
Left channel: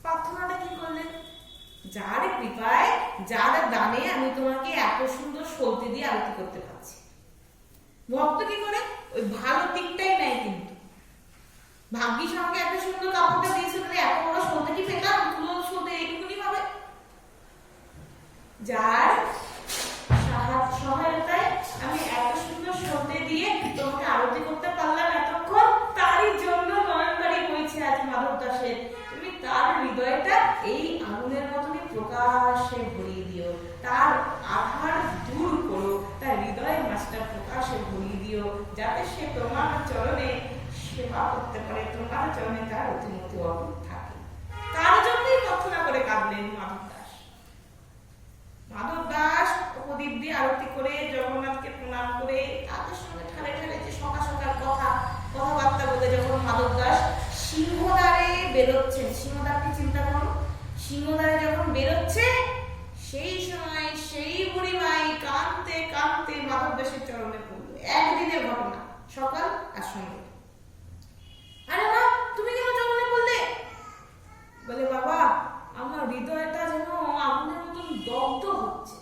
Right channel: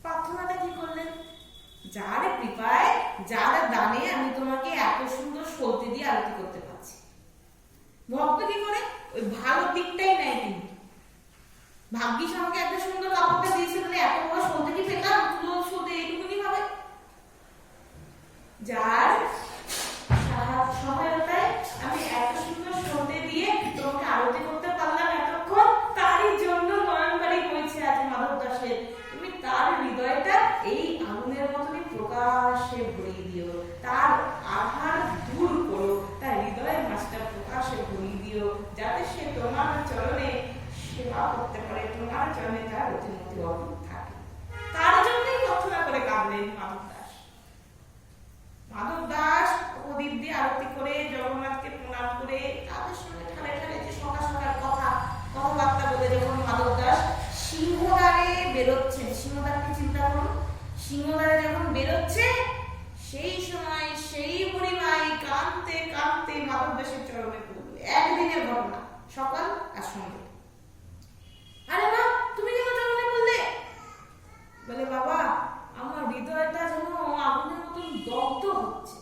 প্রার্থনাটা কি করলেন, যার কৃপায় যার দানে আমি তোমাকে এত সুন্দর সলতে দিয়ে আরতি করতে পারছি। ভক্ত কি করে, ওই ভালো দিকটাই নাই, কিন্তু ভাগ্যিস আমাকে একটা সুন্দর কাপড়টা দিয়েছে, মানে এত বড় সলতে কি পেতাম, তুলো সলতে এইটুকুনি ভাবে। যার সহায়তায় আমি এত সুন্দর সলতে দিয়ে তোমাকে আরতি করতে পারলাম এতক্ষণ, তারই জন্য নয়নবাড়ি হয়েছে আজ মাধব দাসের। তুমি তার হৃদয়টা এই আগুনের মতনই প্রকাশে ভরিয়ে দিও, তার আধার করতে পারে, তোমার চরণে তার অতিমতি অটুট থাকে। তার জন্যই প্রার্থনা করে কাঁদলেন মাধব দাস। মাধব দাস প্রদীপ দিয়ে আরতি করে জগন্নাথকে প্রণাম করে তাদের সঙ্গে ঠারে ঠারে যে সকাল সকাল কথাবার্তা বলে যখন মাধব দাস সিংহদ্বারে বেরোচ্ছেন, সিংহদ্বারকে চিন্তা করুন, সিংহদ্বারে যখন বেরোচ্ছে সেই সময় সেই বুড়িমাই কাঁদতে কাঁদতে মাধব দাসের চরণে পড়ল। একদিনের ঘটনা, সকাল আর সন্ধ্যে। আরে মা, তুমি কেন চরণে পড়লে? বলে, বাবা, আমার হৃদয়টা যেন আগুনের মতন দগ্ধ হচ্ছে।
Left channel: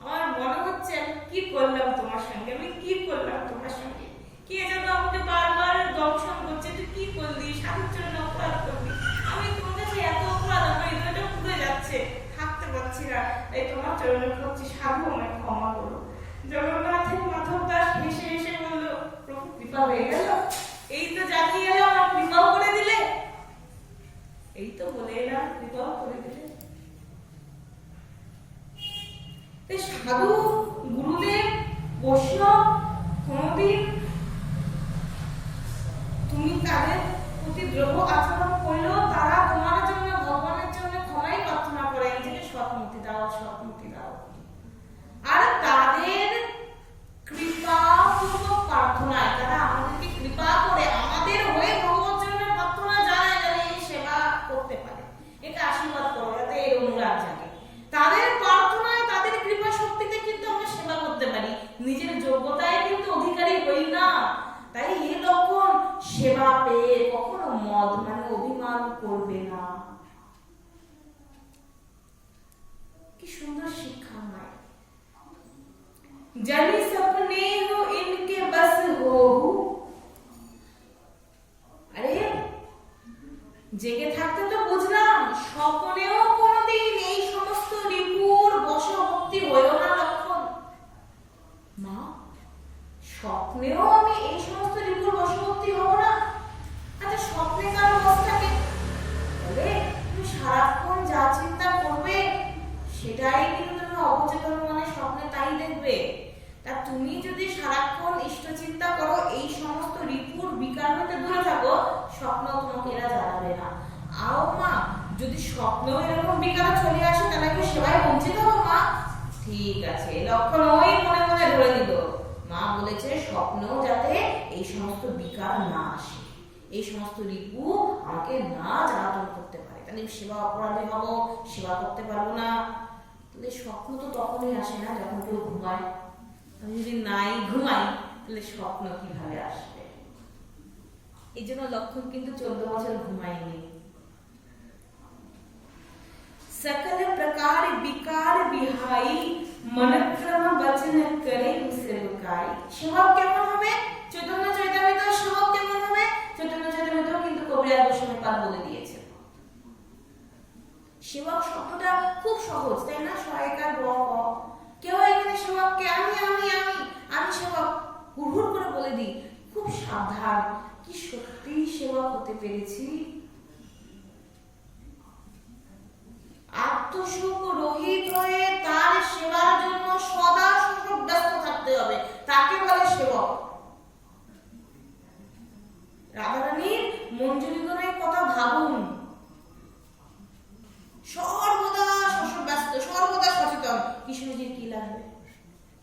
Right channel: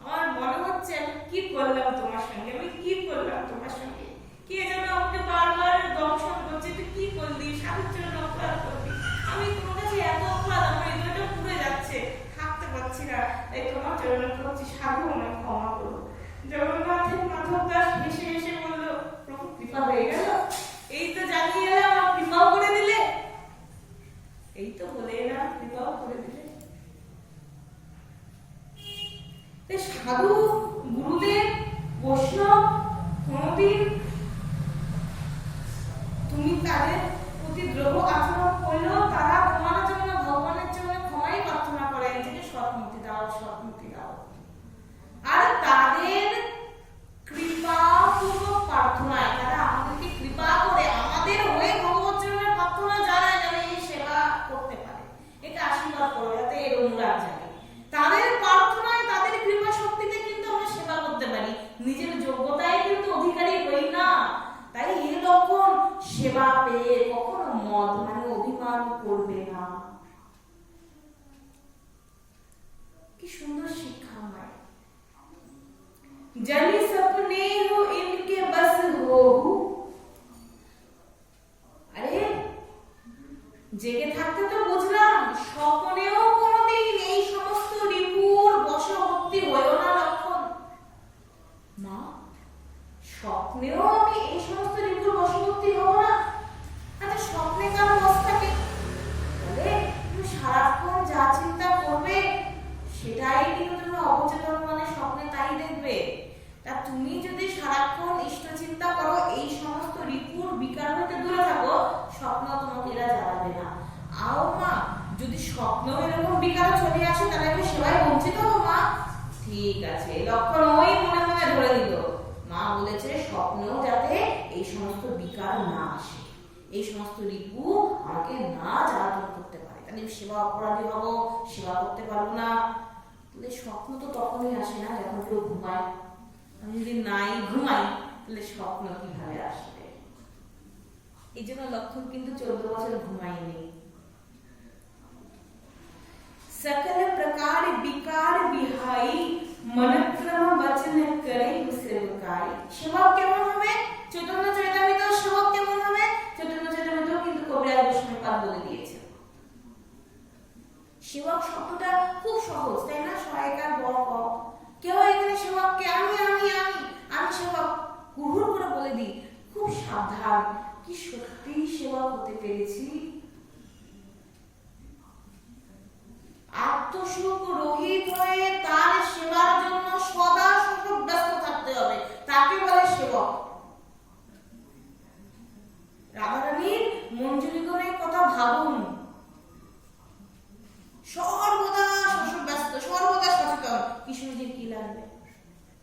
আমার মনে হচ্ছে আমি কি করলাম তোমার সঙ্গে, আমি কি করলাম তোমার সঙ্গে। কে যেন আমাকে বারবার দংশন করছে, তুই কি করলি, সাধুর চরণে অপরাধ করলি। আমি তোমার কাছে এত অপরাধ, আমার হৃদয়টা পুড়ে যাচ্ছে, থাকতে পারছি না, তাই তোমার চরণে করছি, সাধু আমায় ক্ষমা করো। জগন্নাথের মাধব দাস হেসে হেসে বলল, প্রভু কৃপা হয়ে গেল, এই তো জানিয়ে এলাম আর কৃপাও করে দিলে, এই তো বলে এলাম কৃপাও করে দিলে। সাধু গুরুদেব বৈষ্ণব কোনদিন তুমি তাদের প্রতি দ্রোহ আচরণ করলেও তারা তোমার জন্য ভগবানের জন্য ক্ষমাই প্রার্থনা করে যে সৎমতি দাও, সৎমতি দাও। আর তাদের কৃপাপূর্বক প্রার্থনায় তারা আমাদেরকে কৃপা করে আমাদের হয়ে ভগবত চরণে প্রার্থনা জানায় যেন এই সেবা করতে পারে, এটা আশীর্বাদ করো যাতে এর অনুরাগ জাগে। তাদের প্রার্থনায় তাদের কৃপা শক্তিতে কিন্তু আমরা সেবা করতে পারি, নিজের যোগ্যতায় কিন্তু অধিকারী হই না। তাই এই লক্ষণ সেবা পেয়ে কখনো মদ মানে অভিমান করবে না। কি সুন্দর শিক্ষা হয়। জানি সপনে হো ইনকে বস হো। আরে জেগে থাকতে তো বুঝলাম, স্বপ্নেও কোনোদিন এই সমস্ত রিপুর বশবর্তী হইও না লক্ষণ। মা, স্বপ্নেও আমি এই সমস্ত রিপুর বশবর্তী হব না? আচ্ছা, স্বপ্নে কার বশ থাকে? বলে, তুমি সারাক্ষণ যা চিন্তা করবে সেটাই কিন্তু তুমি অবচেতন মনে স্বপ্নে তাই দেখবে। তা তুমি যদি সারাক্ষণ ইষ্ট চিন্তা করো, এই সমস্ত রিপুর বিকার হতে দূরে থাকো, স্বপ্ন তোমাকে এরা জ্বালাবে না। আও মা, যদি স্বপ্ন এরকম বিকারে চলে আসে তাহলে কি সেবায় বঞ্চিত হবো মা? ঠিক আছে, লক্ষণ ওই মনে মনে ধরে নিল। মা বলেছে স্বপ্ন যাতে এই সমস্ত বিকার না আসে, এই সমস্ত রিপু আমাকে না জ্বালাতন করতে পারে, তাহলে সেবা অপরাধী হব, সেবা করতে পারবো না। তাহলে স্বপ্ন তো তখনই আসে না যখন কেউ ঘুমায়। আমি যদি নাই ঘুমাই তাহলে স্বপ্ন কিভাবে আসবে? এই জন্য লক্ষণ কিন্তু 14 বছর ঘুমায়নি। सकल प्रकार विकार बिहाई मन क्रम वचन करे सेवकाई। সেবক কেমন হবে? চৈতন্য চৈতামৃত সেবক কেমন হবে? চৈতন্য চৈতামৃত কিন্তু কবিরাজ গোস্বামীপাদ বলে দিয়েছে। সেবক শব্দটা খুব সহজ, তাই না? সহায়িকার ব ক, কেউ এখানে সেবককে আমি আমি আমি আমি সেবক হুড় করে বলে দিই, খুব সাবধান। কি সত্যি সেবক হতে পেরেছি? আত্মসুখ রহিত হয়ে তার সেবার জন্য সদা ব্যস্ত থাকতে হবে, তাকে বলে সেবক। রাধারানীর মঞ্জুরিগণের কথা ভাবুন, সর্বদা ব্যস্ত, সর্বদা সচেতন। কৃষ্ণজির কি লাগবে?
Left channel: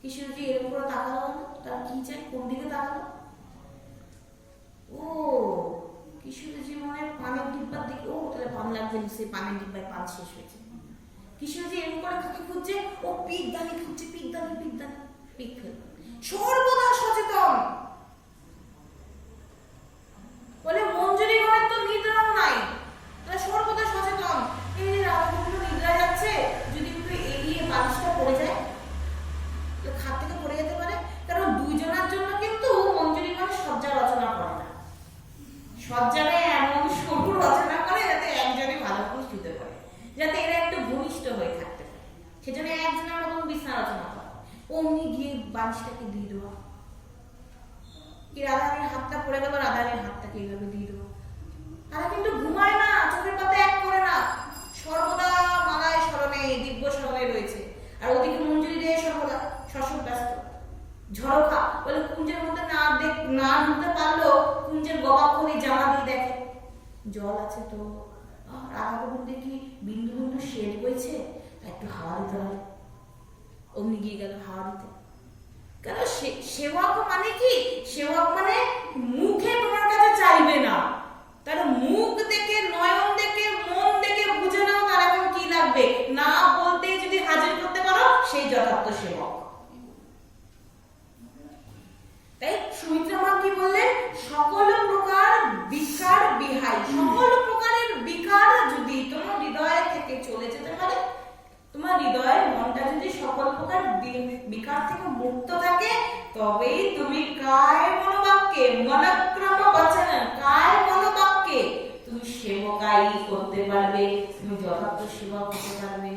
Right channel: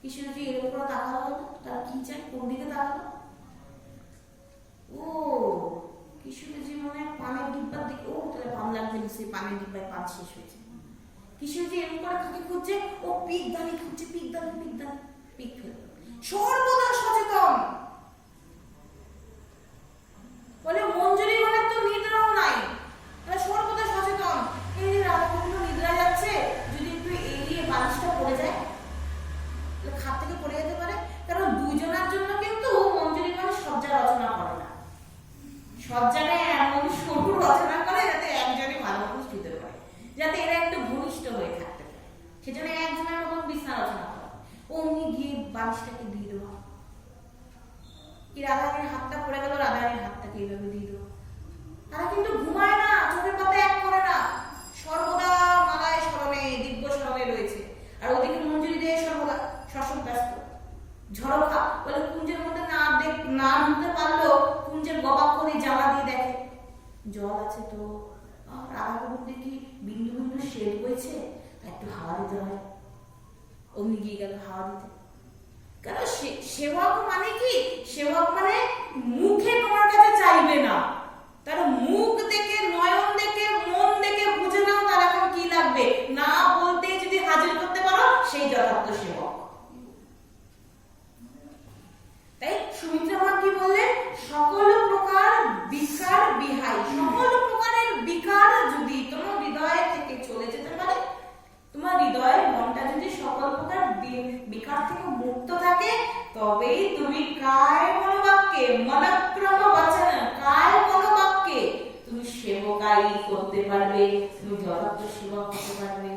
কৃষ্ণজি এরকম করে তাকালো না, তার কি চাই, কোন দিকে তাকালো? ও কৃষ্ণজি মনে হয় পানের ডিব্বার দিকে, ও তাহলে পান লাগবে, সেই পানের ডিব্বায় পান শেষ হয়েছে। কৃষ্ণজি এরকম করে খাকে খুঁজছে, ও পিক দানি খুঁজছে, পিক দানি পিক ফেলবে। সর্বদা সচেতন। বলে মঞ্জুরিগণের তো নিদ্রাও নাই, তাহলে সর্বদা সচেতন। এই যে রাধাকৃষ্ণ নিদ্রা যাচ্ছে, যদি একটু এগিয়ে বালিশটা পড়ে যায়, খাট থেকে পড়ে যেতে পারে। কারণ দুইজনের জন্য কিন্তু মঞ্জুরিগণ সজ্জা রচনা করে না, সজ্জারে এমন সরু রচনা করে যাতে একজনই ভালো মতো শুতে পারে, যাতে এরা একটু ঘনিষ্ঠ হয়ে থাকতে পারে। সেজন্য একজনের মতন বিছানা রচনা করে, অমনি গিয়ে বালিশটাকে দিয়ে দেওয়া। কি রাধারানীর হাতটা পড়ে গেল, রাধারানীর হাতটাকে এইভাবে দিয়ে দেওয়া। তারা কিন্তু ঘুমায় না, চোখের পাতা এক করে না, সর্বদা মালায় স্মরণে, দিব্য স্মরণে রয়েছে। আর ওদিকে মঞ্জুরি দিয়ে সর্বদা শশব ব্যস্ত। ঝড়কা বলে কুঞ্জের মধ্যে না ঢুকতে পারলো, কুঞ্জের গবাক্ষণে জল আছে তো, রাধা গোবিন্দে কি বিন্দু বিন্দু শেড বইছে, একটু হাওয়া দিতে হয়। অমনি গিয়ে গেল হাওয়া দিতে। কেন সেবক মানে কি? সেবক মানে মুখে তোমার কাছে চাইবে না, তার মুখ দেখে, নয়ন দেখে, মন দেখে বুঝে নাও তার এখন কি লাগবে, না বলতে যদি হাজির করতে পারো সেই যথার্থ সেবক। তাই সুমিত্রা মা কি বললেন? সকল প্রকার বিকার বিহাই, সকল প্রকারের বিকার যদি তোমার হৃদয় থেকে চলে যেতে পারে, তোমার হৃদয়ের মনটা যদি সকল প্রকার বিকার থেকে মুক্ত থাকে, তবেই তুমি কায় মনোবাক্যে, মনক্রম বচন, কায় মনোবাক্যে তুমি সেবকাই করতে পারবে, তুমি যথার্থ সেবক হতে পারবে।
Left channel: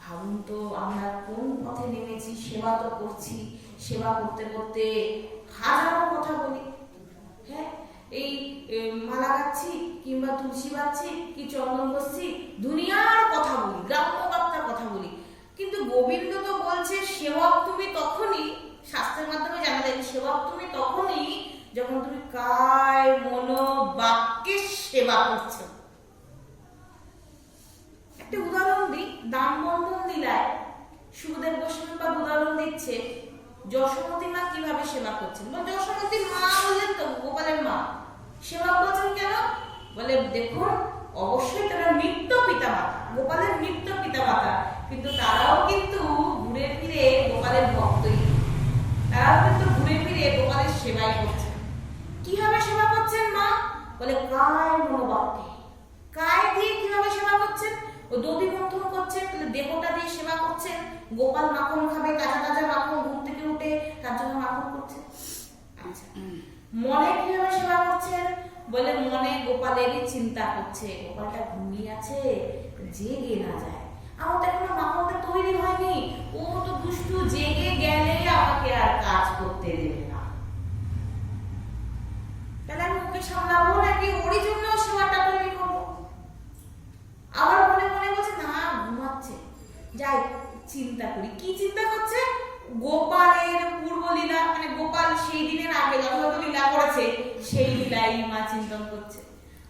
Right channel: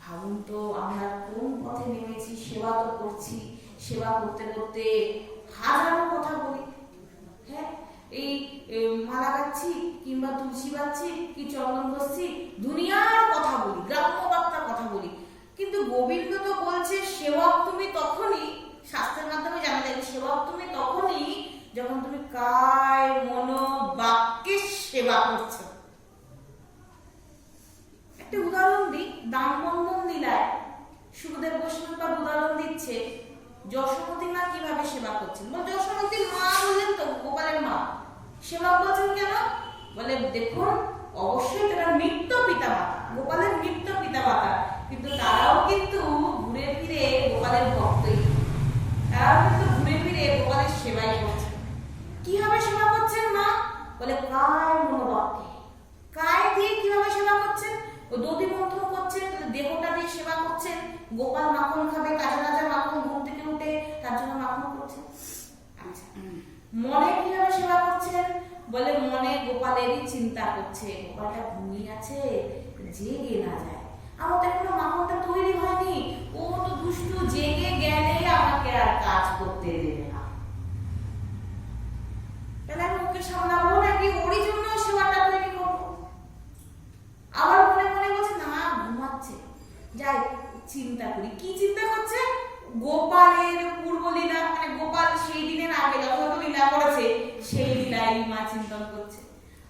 ভাবুন তো আমরা কোন পথে নেমেছি, সেবা তো করছি, সেবা করতে করতে হাজারো কথা বলি। হ্যাঁ, এই মালা গাচ্ছি কিংবা তুলসী বাচ্ছি কি চন্দন বসছি, দুনিয়ার কথা বলি, গ্রাম্য বার্তার কথা বলি, কিন্তু গোবিন্দ তো বলছে সেবক তুমি তখনই, শাস্ত্রের মাধ্যমে জানা যায় সেবক তুমি তখনই যখন তুমি কায় মনো বাক্যে সেবা করছো। একটা উদাহরণ দিই, দামবন্ধন লীলায় সুখদেব গোস্বামী উদাহরণ দিচ্ছে যশোমতী মা কিভাবে সেবা করছেন। বল যশোমতী মা বললেন তো, গোপালের মা। সেবা বলছেন কেন? বলে দেখুন, অবশ্যই তারা মৃত্যু পিতা মাতা, গোপালের মৃত্যু পিতা মাতা, কিন্তু তারাও কিন্তু ঘুরে ফিরে গোপালের ভক্তই, তারাও কিন্তু ঘুরে ফিরে গোপালের সেবাই করছেন। কিভাবে সেবা করছেন মা? বলে কায় মনোবাক্যে। কায় দিয়ে কিভাবে সেবা করছেন? ও দধি মন্থন করছেন, দেহটা দিয়ে সেবা করছেন। গোপাল মাখন খাবে, তাজা তাজা মাখন, ঘুম থেকে উঠে তার জন্য মাখন করছেন। আচ্ছা, মনে কিভাবে সেবা করছেন? বলে মনে গোপালেরই চিন্তা করছে, গোপালটা ঘুমিয়ে আছে, জেগে না যায়, আমার তো এখনো মাখনটা তৈরি হয়নি, ও তো দুষ্টু, জেগে গেলে আমাকে আর কাজ করতে দেবে না, তাহলে আমি ওকে সামলাবো নাকি ওরই জন্য সেবাটা তৈরি করবো। আবার মনে মনে বলছে না, ঘুমাচ্ছে, যাই চিন্তা করি। কি চিন্তা করছে? গোপালের পূর্ব লীলা, মানে গোপাল সেই দিনের আগে যত লীলা করেছে সেই লীলাই মা চিন্তন করছে।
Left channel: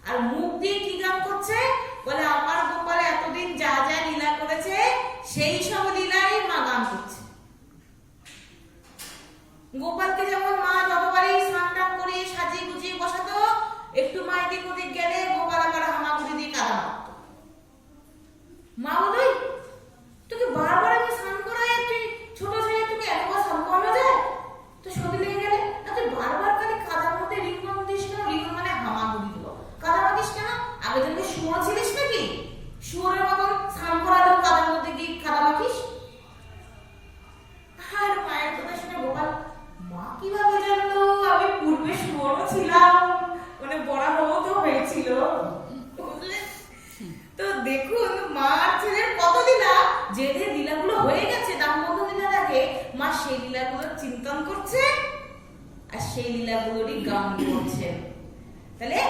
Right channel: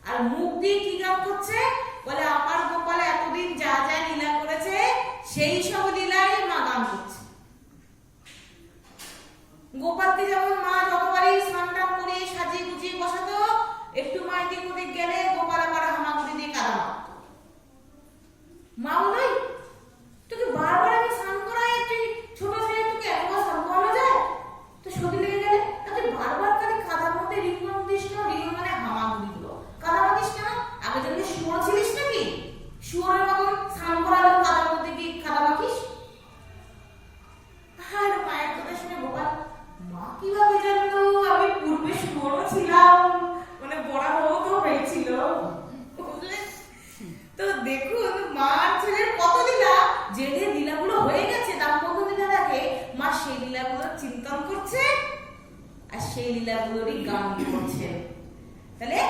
আর মুখ দিয়ে কি গান করছে? বলে আমার গোপাল এতদিন যা যা লীলা করেছে সেই সব লীলাই মা গান করছে। গোপালকে যেমন মা যতবারই স্নান টান করে সাজিয়ে গুজিয়ে বসাতো, একটু মা এদিক ওদিক গেলে গোপাল আবার হামাগুড়ি দিয়ে কাদা মারতো। মা বলে তোকে বারবার আমি স্নান করাই, তুই ছোট ছেলে, তোকে একবার স্নান করানো যায়? তো সর্দি লেগে গেলে তুই বারবার খালি কাদার মধ্যে রিঙ্গন দিস না, রিঙ্গন মানে হামাগুড়ি দিব, কাদা মাখিস কেন? আগে যেমন শুয়োর ছিলিস নাকি, শুয়োরের মতন স্নান করালে কাদার মধ্যে গিয়ে কাদা মাখিস? আর মায়ের কথা শুনে গোপাল, মা কিভাবে জানলো আমি পূর্বে শুয়োরও ছিলাম, মানে বড় বড় তো হয়েছিল। তো দেখুন মার ছেলের কত লীলা, যে যে লীলাগুলো হয়ে গেছে দামবন্ধন লীলা দেখে, মা সেই লীলাগুলোর চিন্তন করছে আর সেই লীলাগুলোরই গান করছেন। তাহলে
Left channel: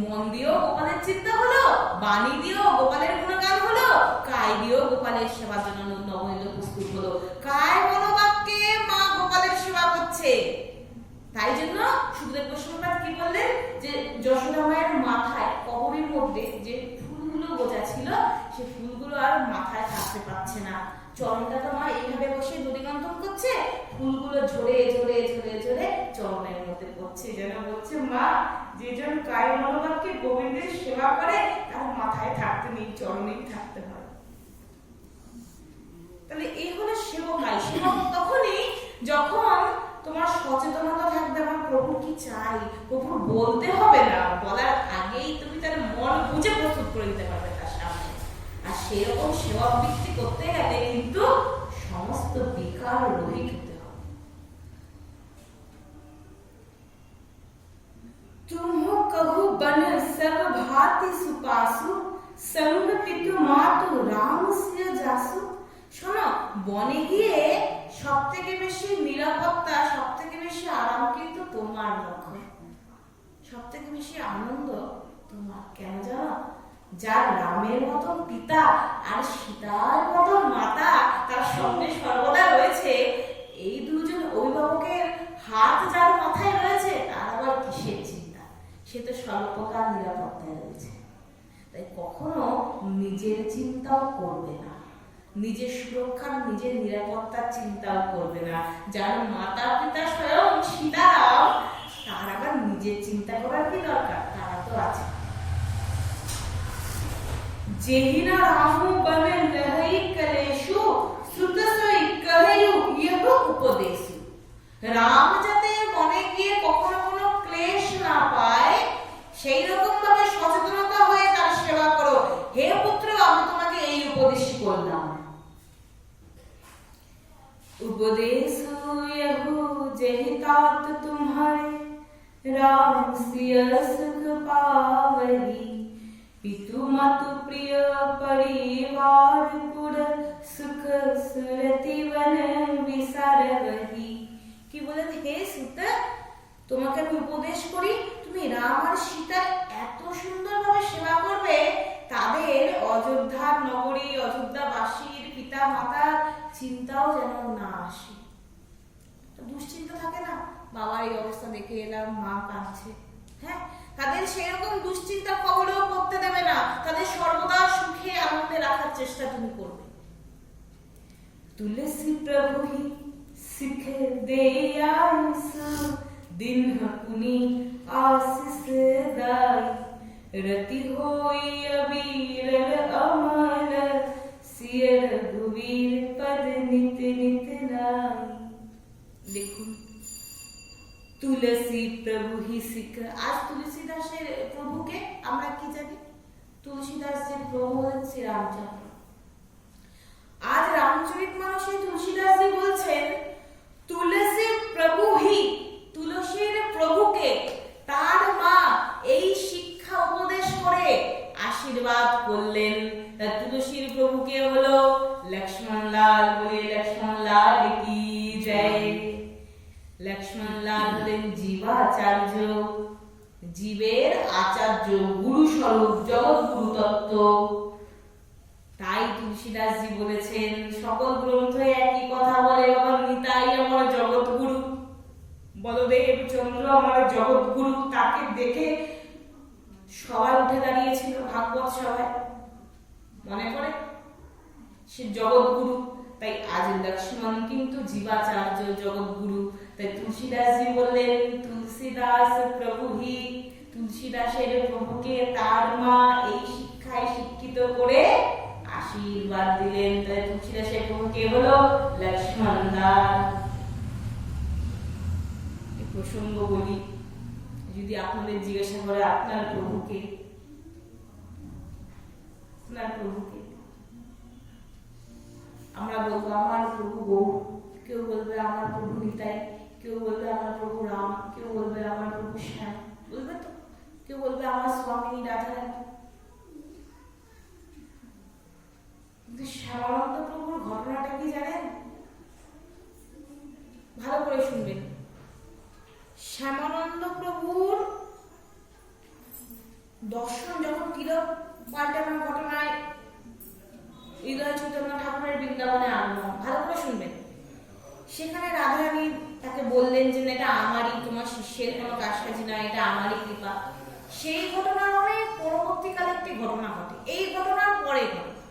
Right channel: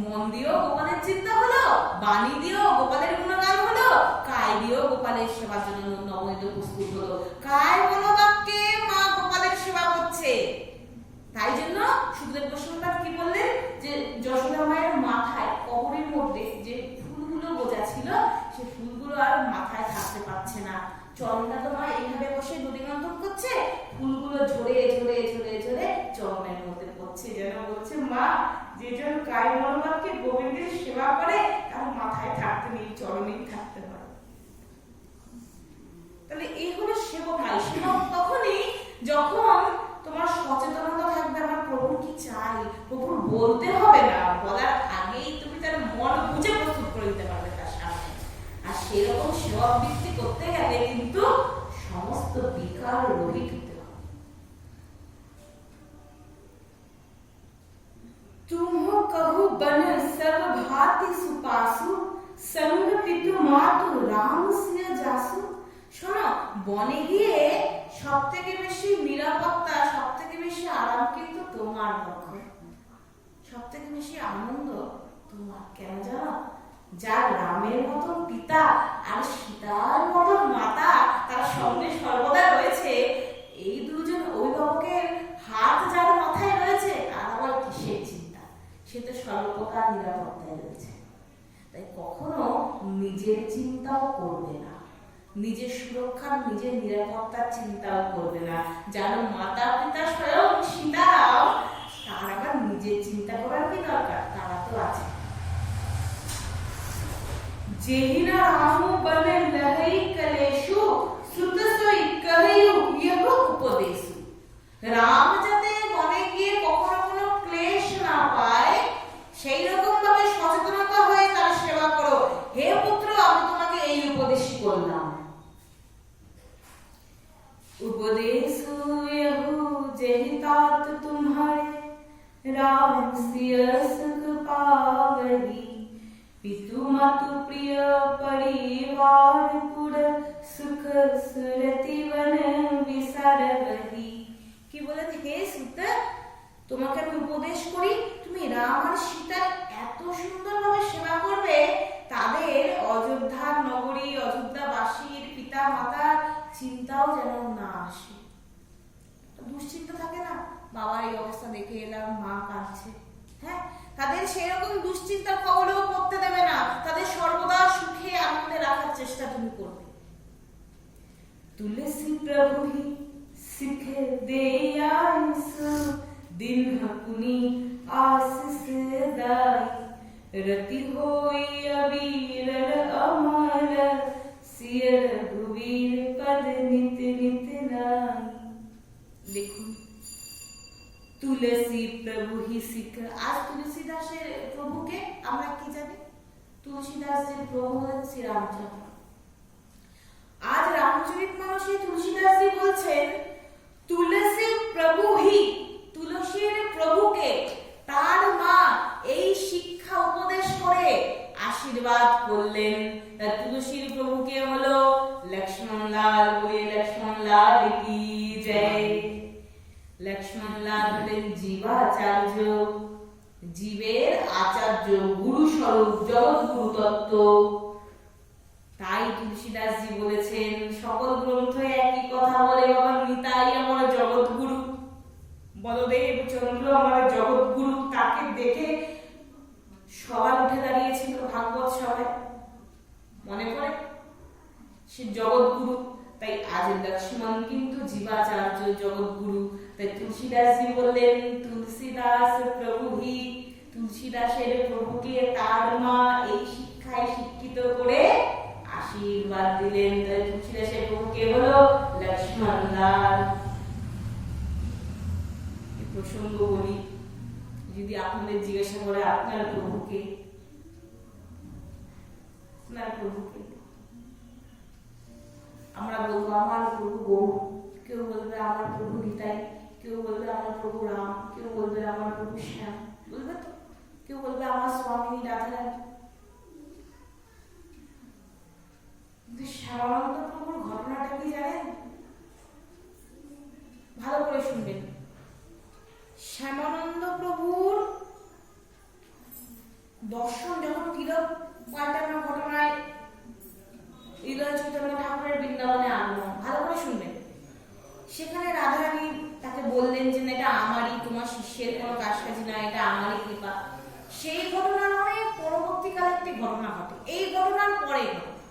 মন দিয়েও গোপালের চিন্তা হলো, বাণী দিয়েও গোপালের গুণগান হলো, কায় দিয়েও গোপালের সেবার জন্য নবনীত প্রস্তুত হলো। কায় মনোবাক্যে মা গোপালের সেবা করছে। তাই জন্য সুখদেব গোস্বামী পাঠ কি বললেন, যে যশোদা মায়ের মাথায় কবরের মধ্যে যে ফুলগুলো গোজা ছিল, সে ফুলগুলো আর মাথায় থাকতে পারছে না। চরণটা তো মা এইভাবে বসে নদীগন্ধন করছে, ফুলগুলো ঝরে ঝরে ঝরে ঝরে চরণের মধ্যে পড়ছে, যেন বলছে মা যেজন কায় মনোবাক্যে গোবিন্দের সেবা করে তার মাথায় থাকতে নেই, চরণেই থাকতে হয়। তাহলে এই হলো সেবকাই। সেবক তখনই যখন তোমার সচেতনতা থাকবে, আমার প্রভুর কি চাই, প্রভুর বলতে হবে না, বলার আগেই তুমি তার মন বুঝে প্রস্তুত করে দিতে পারবে তার সামনে। আর সেরকম সেবা বৃত্তি করতে গেলে কিন্তু সমস্ত বিকার রহিত হতে হবে। तुम कहु बन सब भांति सुपासु, संग पितु मातु राम सिय जासु। শোনো, বনে গিয়ে সব থেকে বেশি নিরাপত্তা, সব থেকে বেশি আরাম কিন্তু তোমার লক্ষ্য, সব থেকে বেশি আনন্দ তোমার। কেন জানো? যার রামের মতন পিতা আর সীতার মতন মাতা তার সঙ্গে সর্বদা রয়েছে, এই দুজন অভিভাবকের হাত যার মাথায় রয়েছে, আর আবার কিসের চিন্তা? সে তো সর্বপ্রকার নিরাপত্তায় রয়েছে। তাই কখনো নিজের চিন্তাও করবে না, নিজের সুরক্ষার নিজের নিরাপত্তার চিন্তাও করবে না। যার মাতা পিতা স্বয়ং সীতারাম, তার আবার নিজের চিন্তা করার কি দরকার? তারা তো আছে। যেহিনা রামু বনে লহই কলেশু সুত সই কহিয়ু ইহ উপদেশু। রাম যাতে বনে গিয়ে কখনো কোনো ক্লেশ না পায়, সেই রকম ভাবে সচেতনতা হয়ে তার সেবা করো। হে পুত্র, আমি তোমাকে এই উপদেশ করলাম। उपदेशु यहु जेहि तात तुम्हारे, राम सिय सुख पावही। पितु मातु प्रिय परिवार पुर, सुख सुरति वन विसारवही। কি বলেন? হে সুত, তোমাকে আমি উপদেশ করি, তুমি রাম আর সীতার এত সুন্দরভাবে সেবা করবে, তাদের অযোধ্যার নগরী, অযোধ্যাবাসীর পিতা মাতার চিন্তাও যেন না আসে। দুশ্চিন্তা থাকে না, বাবার এই অবস্থা দেখে এলাম, মা কাঁদছে, হ্যাঁ, তাদের সেরকম দুশ্চিন্তার খবরেও পড়তে দেবে না। তাদের সর্বদা সুখে আনন্দে রাখার চেষ্টা তুমি করবে। তুলসী প্রভু হি শিখ দেয়াসু, दिन पुनि आशीष दाई। रति होई अबीरल अमल, सिय रघुवीर पद नित नित नाई। দেখুন, তুলসী প্রভু হি শিখ। আজ তুলসীদাসের প্রভুকে আমরা কি জানি? তুলসীদাসের প্রভু হলেন শ্রী রামচন্দ্র। আজ রামচরিতমানসে তুলসীদাসজি বলছেন তুলসী প্রভু হি, তুলসীর প্রভুকে তার মা এই শিক্ষা উপদেশ করে আশীর্বাদ করলেন। তুলসীর প্রভুকে হলো লক্ষ্মণ লাল। বলে লক্ষ্মণ লাল কি জয়। লক্ষ্মণ লাল হলেন জীবাচার্য, জীবের আচার্য, গুরু স্বরূপ, জগৎগুরু তত্ত্ব। তাই তুলসীদাসজি বলেছেন, সকল গ্রন্থ একই কথা বলে, বাবা নিতাই আমার জগৎগুরু, বলদেব চন্দ্র আমার জগৎগুরু। তাকে দেখে সবাই উঠে দাঁড়িয়েছিল ভাগবত সভায়, মনে পড়ে? সে জগৎগুরু। তাই আজ লক্ষ্মণ কিন্তু জীবাচার্য, জগৎগুরু। তাই তুলসীদাসজি বললেন তুলসীদাস প্রভু হি, তুলসীদাসের প্রভুকে তার মা এই শিক্ষায় শিক্ষিত করে আশীর্বাদ দিলেন। তাই তুলসীদাসের প্রভুকে হলো লক্ষ্মণ লাল। প্রসঙ্গ বলি, যদি আপনাদের জিজ্ঞাসা করে আপনার প্রভুকে, আপনার প্রভুকে, আমরা বলবো আমার প্রভু গৌর, কেউ বলবে আমার প্রভু নিতাই, কেউ বলবে আমার প্রভু রাম, কেউ বলবে আমার প্রভু শ্যাম, বলবে তো, কেউ বলবে আমার স্বামী রাধারানী। কিন্তু শ্যামানন্দ প্রভুর ঘটনাটা কি জানেন? ভালো করে শুনবেন। শ্যামানন্দ প্রভুর দর্শন যখন তিলক পাল্টানোর ঘটনায় হৃদয় চৈতন্য ঠাকুরের বৃন্দাবনে আগমন, ভালো করে শুনবেন। সেখানে রাধারানী তাকে বললেন যে এটা আমারই, তোমার শিষ্যের কোনো কাজকাজি না, এটা আমারই কৃপা। সেই ঘটনার অনেক পরবর্তীকালে একটি ঘটনা ঘটে, এই ঘটনার পরে ঘটনা।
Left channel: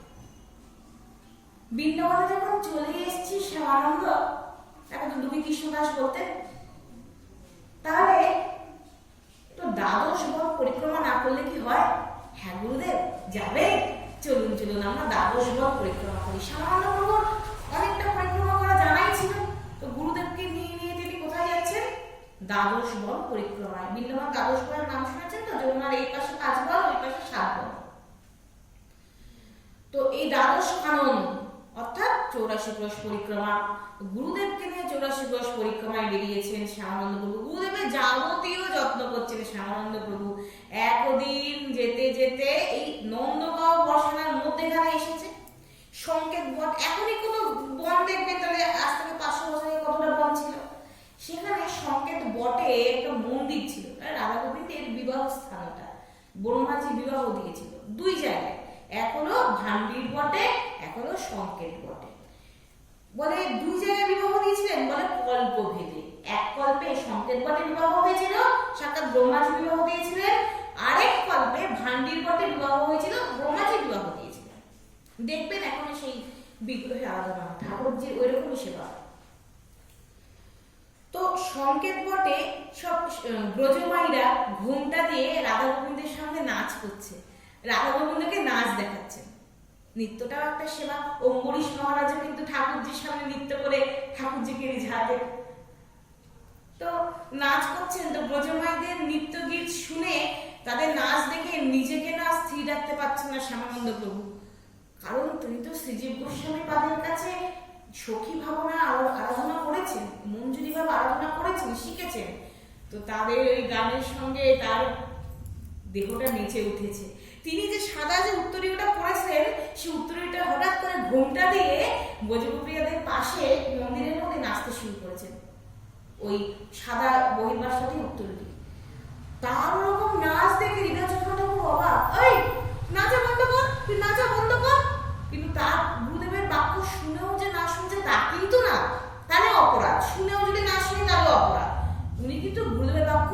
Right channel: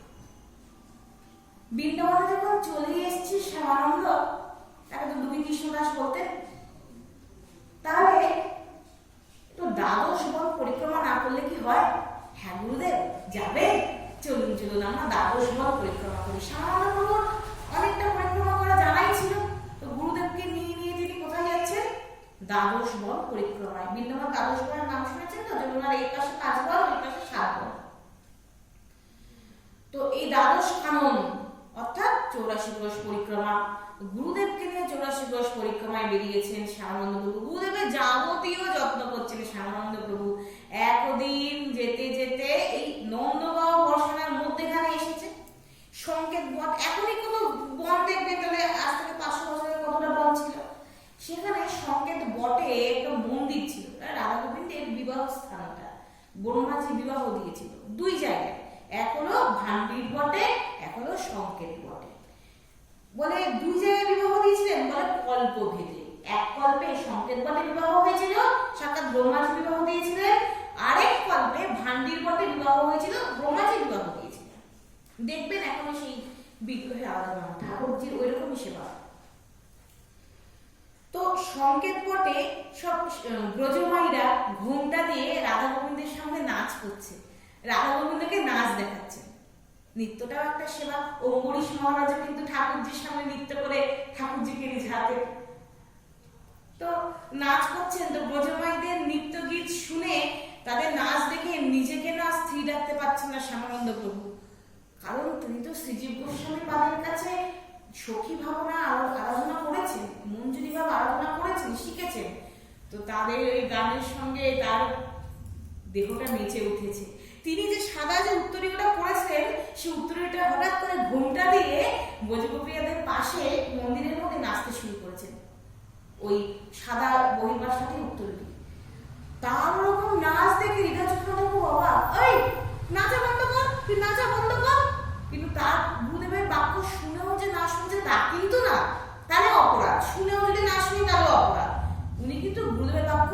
বৃন্দাবনে যখন চলে এসেছি শ্যামানন্দ, তাকে তো দুবি কৃষ্ণদাস বলতেন, তাহলে একটু দ্বাদশ বন পরিক্রমা না করলে কি হয়? হ্যাঁ গুরুদেব, যাবে, চলুন চলুন আমরা দ্বাদশ বন পরিক্রমা করি। শ্যামানন্দ প্রভুর অনেকটা পরিক্রমা করা জানাই ছিল, তো গুরুদেবকে নিয়ে নিয়ে তিনি কোথায় যাচ্ছেন? দ্বাদশ বন পরিক্রমায়। বৃন্দাবন দ্বাদশ বনের নাম শুনেছেন তো? যমুনার এই পাশে 5 বন, ওই পাশে 7 বন। তো এই দ্বাদশ কানন অর্থাৎ 84 ক্রোশ পরিক্রমা, গুরুদেবকে নিয়ে 84 ক্রোশ পরিক্রমায় বেরিয়েছেন শ্যামানন্দ প্রভু। গুরুদেবের যাবতীয় যত্ন করছেন শ্যামানন্দ প্রভু। একদিন যেতে যেতে এই নন্দগাঁও বর্ষানার মধ্যেখানে এসেছে সংকেত বন। এখনই কোনো বন দেখবেন তাহলে আজ থেকে 500 বছর আগে কতটা বন ছিল। সেখানে সংকেত বটে একটা মন্দির ছিল, রাধা গোবিন্দের বিবাহ স্থান। ওটা ব্রহ্মাজি বিবাহ দিয়েছিল 2 জায়গায়, এক হলো ভান্ডির বটে, এক হলো সংকেত বটে। বলে 2 জায়গায় বিবাহ দিয়েছিলেন, বলে কল্প ভেদে। এক কল্পে সংকেত বটে বিবাহ হয়েছিল, সাক্ষাৎ ব্রহ্মাজি বিবাহ দিয়েছিলেন, কল্পে ভান্ডির বটে বিবাহ হয়েছিল, ব্রহ্মাজি বিবাহ দিয়েছিল। দেখবেন এখনো সেই বিগ্রহে আরাধনা, ঠাকুরজির ওই রকমই সেবা। তো সংকেত বটে সব ব্রজমাইরা ঘোমটা দিয়ে রাধা গোবিন্দের সামনে নাচ করছে, রাধা গোবিন্দকে নাচ দেখাচ্ছে। নৃত্যটাও একটা সেবা। অম্বরীশ মহারাজও কিন্তু ঠাকুরজির সামনে নৃত্য করে ঠাকুরজিকে রিঝাতে। তো নাচ করছেন, তো ব্রজমাইদের নৃত্য গীত শুনে তাদের নাচ দেখে নিজেকে না স্থির রাখতে পারছেন না শ্যামানন্দ প্রভু। কারণ তিনি তো শ্রীজীব গোস্বামী পাদের কাছে সখী ভাবনা আরাধনা করেছেন, মঞ্জুরি ভাব আরাধনা করেছেন, শিখেছেন। তো তাদের ওই গানের সঙ্গে তার দেহটা নেচে উঠেছে। তিনি যে সাদা যে উত্তরীয়টা পরেছেন, সেই উত্তরীয়টা হঠাৎ করে ঘোমটা দিয়ে ব্রজগোপিয়াদের পাশে মন্দিরের মধ্যে নাচতে শুরু করেছেন, ওই সাদা বহির্বাসটি উত্তরীয়। তার ওরকম নাচ দেখে হৃদয় চক্রটা খুব অবাক, ওই নাচা বন্ধ কর, তুই নাচা বন্ধ কর। কিন্তু তার গুরুদেবের বাক্য শুনেও যে না শুনছে তা কিন্তু না, তাহলে অপরাধ। শুনেও যদি না শুনি তাহলে অপরাধ। উনি কিন্তু গুরুদেবের বাক্য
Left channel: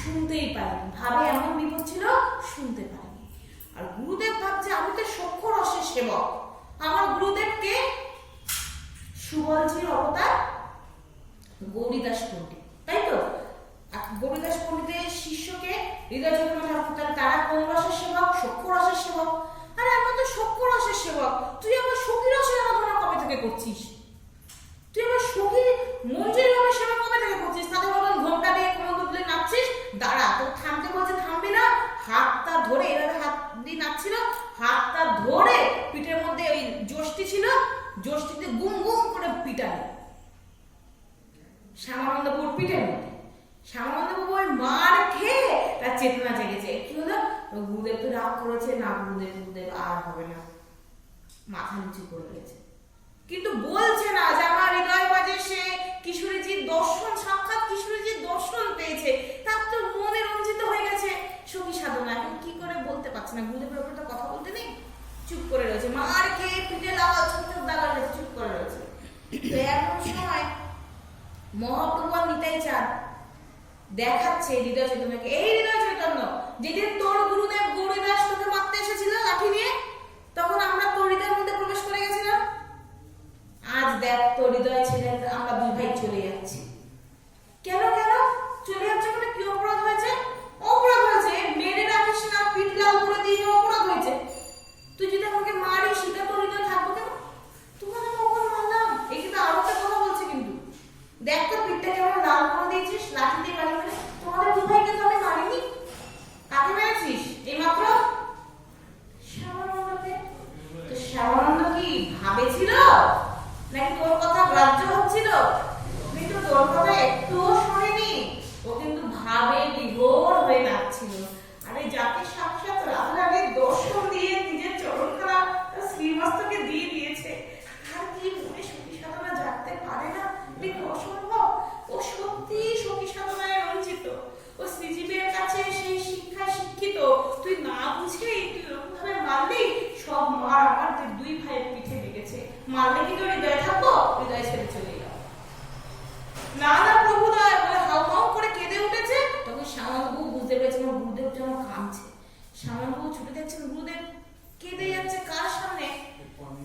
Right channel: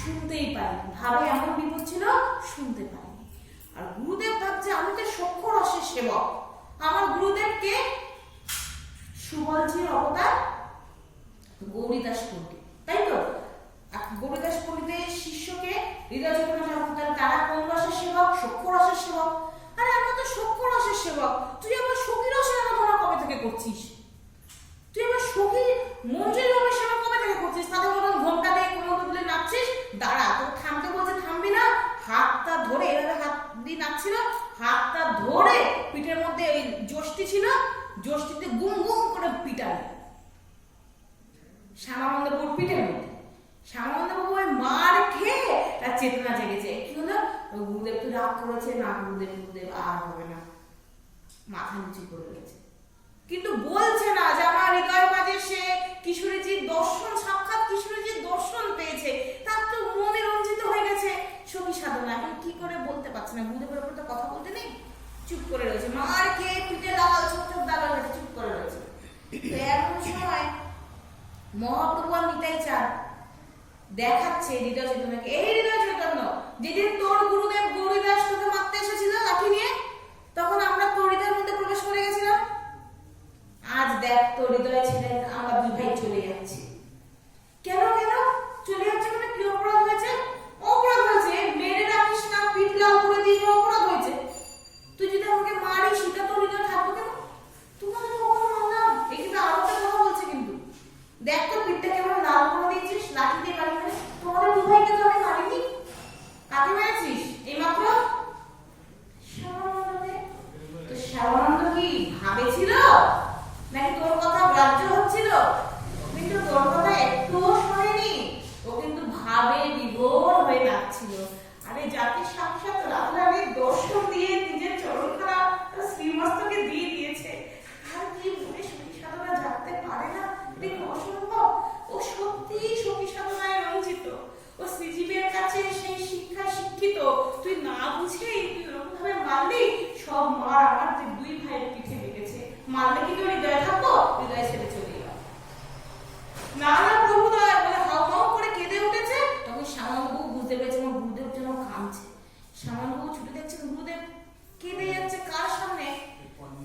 শুনতেই পারেন, ভাবে এমন বিপদ ছিল শুনতে পারেনি। আর গুরুদেব ভাবছে আমি তো সক্ষ রসের সেবক, আমার গুরুদেবকে সুবলজির অবতার গৌরীদাস পণ্ডিত, তাই তো? গৌরীদাস পণ্ডিতের শিষ্যকে হৃদয় চৈতন্য ঠাকুর, তারা কোন রসের সেবক? সক্ষ রসের সেবক। আরে আমরা তো সক্ষ রসের সেবক, তুই আমার সখী রসের আরাধনা কবে থেকে করছিস? তুই আমার সখী মঞ্জুরি ভাবে সেবা কবে থেকে করছিস? তাদের মতন ঘোমটা দিয়ে কোনো বদলে নাচছিস, দাঁড়া, তোর থামতে বলছে থামবি না। হাতটা ধরে এভাবে হাত দিয়ে নাচছিল, হাতটা ধরে পিঠের মধ্যে ওই যষ্টি ছিল, যষ্টিতে গুম গুম করে পিটানি শ্যামানন্দ বাবুর পিঠের মধ্যে। শ্যামানন্দ বাবু ওই মার খেয়ে তার চেতনা জেগেছে। কি হলো? গুরুদেব তো রাগ করেছে, না গুরুদেব আর হবে না, মাথা নিচু করে রয়েছে। কিন্তু বলছে না যে আমার হৃদয় বাজে সে কিশোরীজির দর্শন, সাক্ষাৎ কিশোরীজির দর্শন পেয়েছে, তার তো মনে রঞ্জিত হয়ে গেছে সখী সাধনা। এখন কি করে বলতে পারছে না, গুরুদেবের উপর তো কথা বলতে নেই, চুপ করে রয়েছে। মার খেয়ে পিঠে লাল ছোট ছোট দাগ রয়েছে, চুপ করে রয়েছে। তো এমন সময় মহাপ্রভু আর নিতাই চাঁদ দেখাচ্ছে হৃদয় চৈতন্যকে, এই হৃদয় চৈতন্য, যেদিন তোর গুরুদেব গৌরীদাস তোকে মারতে এসেছিল লাঠি নিয়ে, তখন আমরা তোর হৃদয়ের মধ্যে প্রবেশ করে গেছিলাম। আজ দেখ তোর হৃদয় ছেড়ে আমরা দুই ভাই চলে যাচ্ছি। কেন কেন চলে যাচ্ছে? মানে কি অপরাধ হয়েছে? অপরাধ হয়েছে, মেরে রাখিস না, পিঠ লাল করে দিয়ে অপরাধ হয়েছে। তুই যদি আমাকে মারিস সেটা তোর হৃদয় থাকবো কেন? তোমাকে কখন মারলাম? এই কিন্তু আরো একটা কথা বলছে, কিন্তু দেখ তোর পিঠটা কেমন লাল করে দিয়েছিস লাঠি দিয়ে বাড়ি মেরে। তোমাদের দুই ভাইকে তো আমি মারিনি, কাকে মেরেছিস? এইমাত্র শ্যামানন্দকে। তো শ্যামানন্দ কি ভাবেছিল নাকি তোর কথা গ্রাহ্য হচ্ছিল? কিন্তু তোর কথা একটুও শোনেনি, ও কিন্তু ভাবে বিভোর হয়ে নাচছিল। আরে যাকে সাক্ষাৎ রাধারানীর দর্শন দিয়ে নিজের চরণখানা শ্রীমস্তকে দিয়ে দিয়েছে, আর কি মনে সখী সাধনা জাগতে পারে না? এটা কি অসম্ভব? ও সত্যি সখী সাধনায় রঞ্জিত, ও শ্রীজীবের কাছে সেই শিক্ষায় শিক্ষিত। তুই না বুঝেই তুই এরকম ভাবে মারলি, সব মার আমার দুই ভাইয়ের পিঠে লেগেছে। মারলে কি তোর হৃদয় থাকবো? হৃদয় ছেড়ে চলে গেল। না না প্রভু দয়া বলে হাউমাউ করে কেঁদে উঠেছে। তখন শ্যামানন্দবাবু বুঝতে পেরেছে আমার গুরুদেব যেন কাঁদছে। শ্যামানন্দবাবু ছুটে দেখছেন গুরুদেব কেঁদে যাচ্ছে কার সামনে?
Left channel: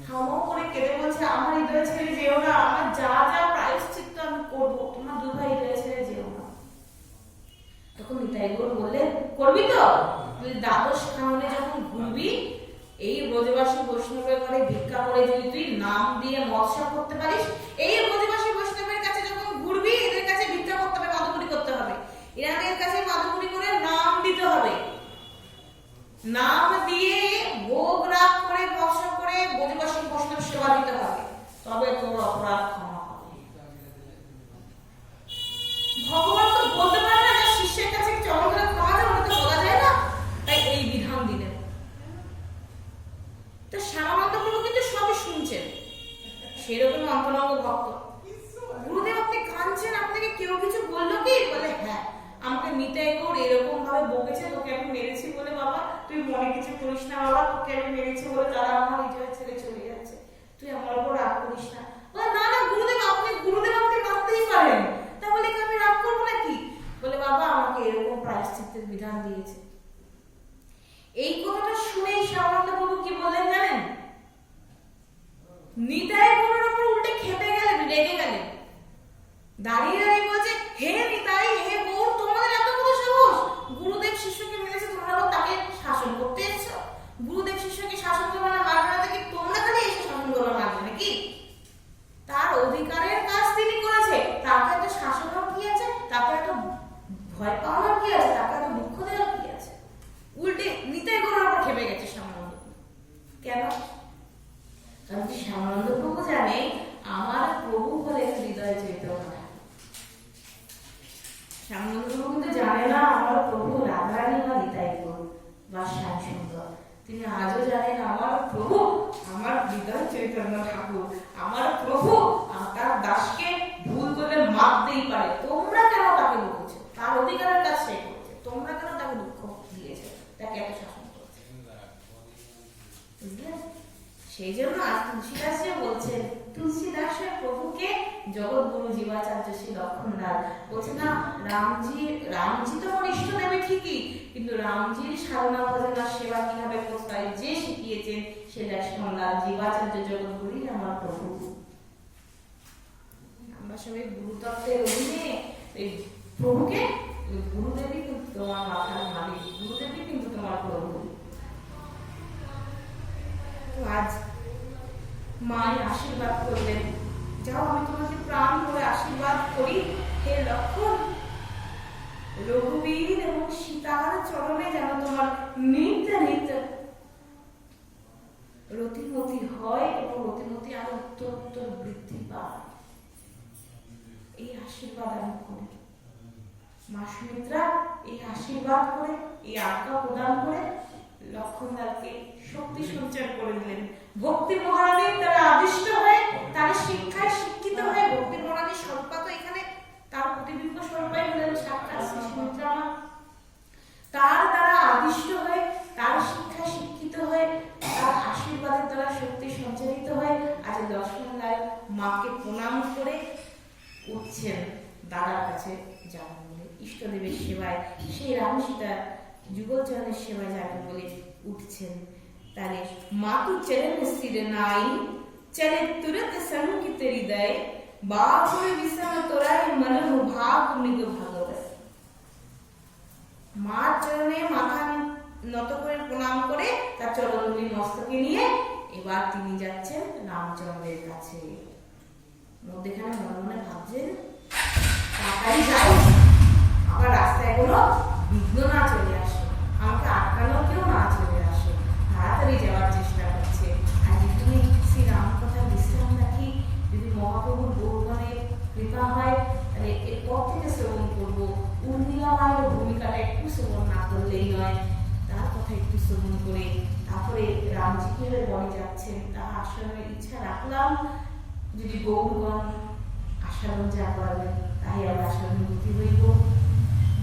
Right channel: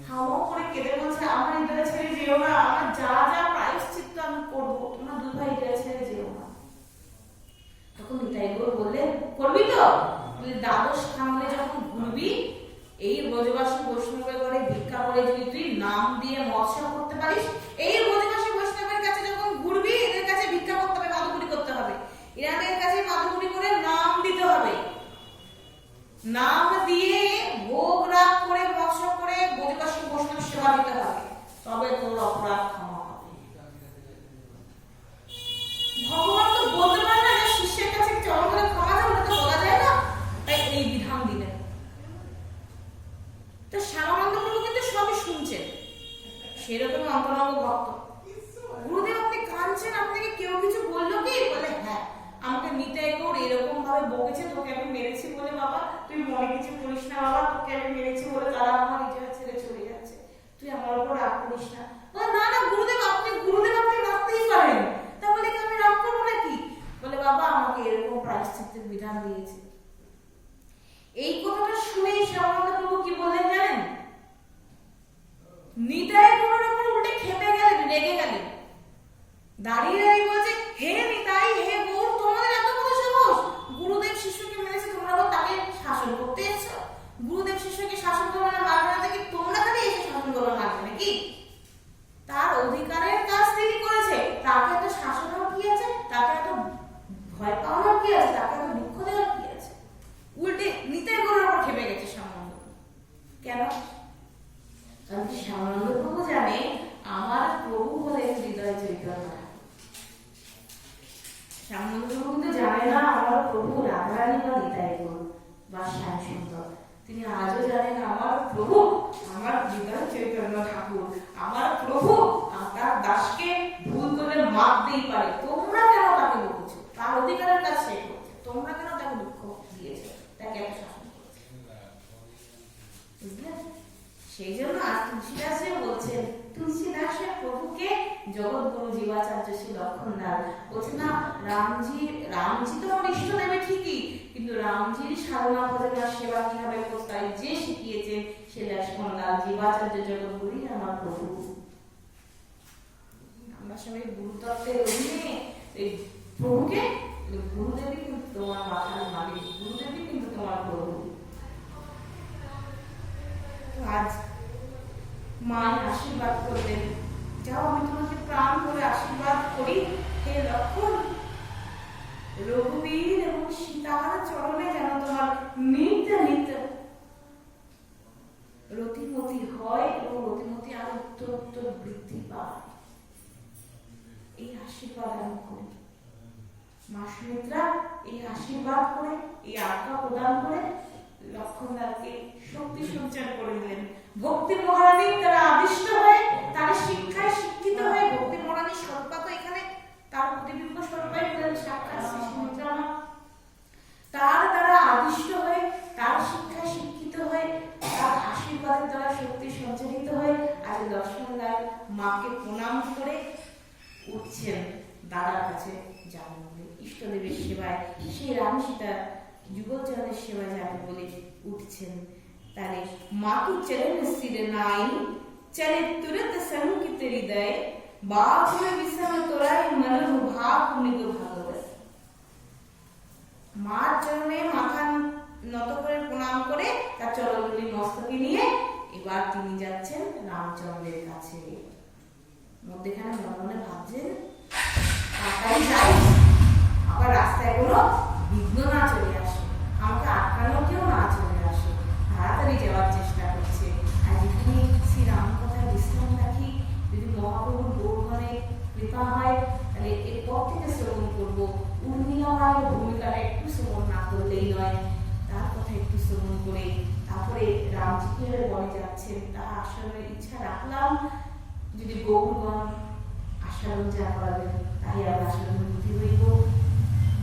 হাউমাউ করে কেঁদে বলছে আমার হৃদয় ছেড়ে যেও না, আমার যা যা প্রায়শ্চিত্ত আমি করবো, তোমার দুই ভাই হৃদয় ছেড়ে যেও না। তখন নিতাই গৌর বললেন করবি তো? তুই দ্বাদশ খাননে যখন ঘুরবি, এই ব্রজবাসী বৈষ্ণবের ঘরে ভিক্ষা করে যদি তুই নাম দিয়ে মৎস্য করতে পারিস, এই ব্রজবাসী বৈষ্ণবের কাছে যখন ঘুরবি, এদের কাছে ভিক্ষা করতে হবে, মাদুগুড়ি করতে হবে, এনাদের কাছে মাদুগুড়ি করে নাম দিতে হবে। নাম দিয়ে ভোগ রাগ করে মৎস্য করে ব্রজবাসী বৈষ্ণব সেবা দিতে হবে, তবে তোর অপরাধ ক্ষমা হবে। ভগবান তো বলতে পারে না যে শিষ্যের কাছে চরণ ধরে ক্ষমা দেয়, ওটা তো বলা যায় না, তাই এই বিধান দিলেন। তো শ্যামানন্দ প্রভু কিন্তু সবই শুনছেন, সেরকম অন্তরঙ্গ ভক্ত। গুরুদেব আপনি কাঁদছেন, আপনাকে কেউ কিছু বললো কি? বলে হ্যাঁ, আমাকে নিতাই গৌর এরকম ভাবে বকেছে, তোকে আমি মেরেছি বলে বাবা তুই মনে কিছু করিস না বাবা, তোকে আমি মেরেছি বলে তারা আমার হৃদয় ছেড়ে চলে যাচ্ছে, তুই আমার উপর রাগ করিস না। বলে না না গুরুদেব আপনি মারতেই পারেন, তা বলে কি আমি রাগ করবো নাকি? বলে বাবা আমাকে এরকম প্রায়শ্চিত্তের বিধান দিয়েছে। এই কথাটা শুনেই শ্যামানন্দ প্রভু কি বললেন জানেন? নিতাই গৌরের উপর উল্টে খেপে গেলেন, রেগে গেলেন। দাঁড়িয়ে দাঁড়িয়ে বলছে, হে নিতাই, হে গৌর, তোমাদের এত বড় সাহস! গুরুদেব শিষ্যকে মেরেছে, তোমরা আবার তাকে শাসন করতে এসেছো? গুরুদেব শিষ্যকে শাসন করবে না, মারবে না, দেখি তোমরা খালি এসে শাসন করবে, মারবে নাকি? তার অধিকারের কাজ তিনি করেছে, তাকে এত শাসনের কি আছে? তাকে এত ভয় পাওয়ার কি আছে? তাকে এত দুঃখ দেওয়ার কি আছে? উল্টে নিতাই গৌরের উপর খেপে গেছে শ্যামানন্দ। কেন? কারণ কি শ্যামানন্দ প্রভু জানে আমার প্রভু হলেন হৃদয় চৈতন্য। শ্যামানন্দ প্রভু কিন্তু জানে না আমার প্রভু রাধারানী বা নিতাই গৌর বা শ্যাম সুন্দর। তিনি আজও জানেন আমার প্রভু আমার হৃদয় চৈতন্য ঠাকুর। আমার প্রভু তার দাসকে ভুল করলে মারতেই পারে, তোমরা কেন তাকে বকেছো? তার অধিকারের কাজ সে করেছে, তোমরা কেন তাকে দুঃখ দিয়েছে, তাকে এত শাসন করেছে? বুঝলেন? সেই জন্য আজ তুলসীদাস যে বলছেন, তুলসীদাসের প্রভুকে জগৎগুরু জীবাচার্য শ্রী লক্ষণদাস বলছে না, রামজি তো আমার ইষ্ট দেবে ঠিকই, কিন্তু রামজির সাধনা ভজনা সেবা কিভাবে করতে হয় যে শিখিয়েছেন সে লক্ষ্মণলাল জীবাচার্য জগৎগুরুই আমার প্রভু। আমরা সবাই গুরুতত্ত্বের অধীনে এই প্রভুকে, গুরুদেবী কিন্তু তোমার মাথার মালিক, গুরুদেবী কিন্তু তোমার প্রভু। আজ মায়ের আশীর্বাদ করবেন, যাও আমি তোমাকে প্রাণ করে আশীর্বাদ করি, হে লক্ষণ, রঘুবীর এবং সীতার চরণে যেন তোমার নিত্য নিত্য রতিমতি হয় এবং রতিমতি আর উত্তর উত্তর বৃদ্ধি পায়, এই আশীর্বাদ আমি করি। মা সুমিত্রা এই আশীর্বাদ করে, এই আজ্ঞা প্রদান করে লক্ষণদাকে শক্তি সঞ্চার করে দিলেন। ভক্তি মহারানীর দ্বারা আদিষ্ট হয়ে, তার শিক্ষায় শিক্ষিত হয়ে, ভক্তি মহারানীর স্বরূপা তো এখানে তার প্রতিবিম্ব স্বরূপাই হলেন সাক্ষাৎ শ্রী সুমিত্রা মা। তার দ্বারা আদিষ্ট হয়ে, তার শিক্ষায় শিক্ষিত হয়ে, তার আশীর্বাদের দ্বারা শক্তি সঞ্চারিত হয়ে আজ লক্ষ্মণলাল মাকে প্রণাম করে উঠছেন দাদার কাছে যাবেন বলে, ইষ্টদেবের সেবায়, সেই রাম সীতার যুগলচরণের সেবায় যাবেন বলে উঠছেন। তাহলে মাতু চলেন স্থির নাই, চলে তুরত সংকিত হৃদয়, বাপুর বিষম তোরাই মনহু ভাগ মৃগ ভাগবত। মার চরণে মাথা নত করে প্রণাম করে তার চরণগুলি মস্তকে নিয়ে এবার তিনি যাচ্ছেন রামচন্দ্রের কাছে। মধ্যেখানে মনে মনে ভাবছেন তাড়াতাড়ি যাই, আবার রাস্তায় কোনো বিঘ্ন না চলে আসে, আমাকে আটকানোর কেউ না চলে আসে, তাড়াতাড়ি যাওয়ার চেষ্টা করছে। আর যেখানে শ্রী রাম কথা বিশ্রাম রাখি, যদি মহাপ্রভুর গৌরগণের কৃপা হয় তাহলে এরপর থেকে শ্রবণ করবো। উর্মিলা মায়ের ভূমিকাটা একটু শ্রবণ না করলেই নয়, তার কথা একটু শ্রবণ করে তারপরে রামজি কিভাবে বনে যাচ্ছেন তা আসানোর ইচ্ছা রাখলাম। যদি গৌরগণ আসারণ যা করাবেন তাই আমরা আসানুভূতি হইব।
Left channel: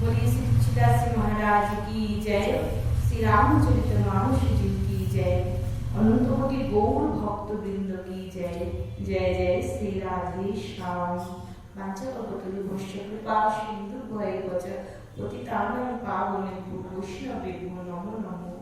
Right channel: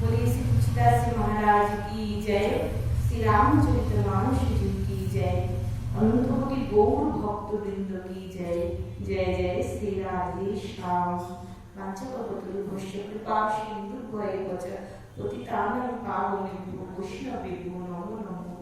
বলি শ্রী তুলসীদাস জি মহারাজ কি জয়, শ্রী রামচরিত মানস জি কি জয়, অনন্তকোটি গৌর ভক্তবৃন্দ কি জয়, জয় জয় শ্রী রাধে শ্যাম। বাঞ্ছাকল্পতরুভ্যশ্চ কৃপা সিন্ধুভ্যেব চ পতিতানাং পাবনেভ্যো বৈষ্ণবেভ্যো নমো নমঃ।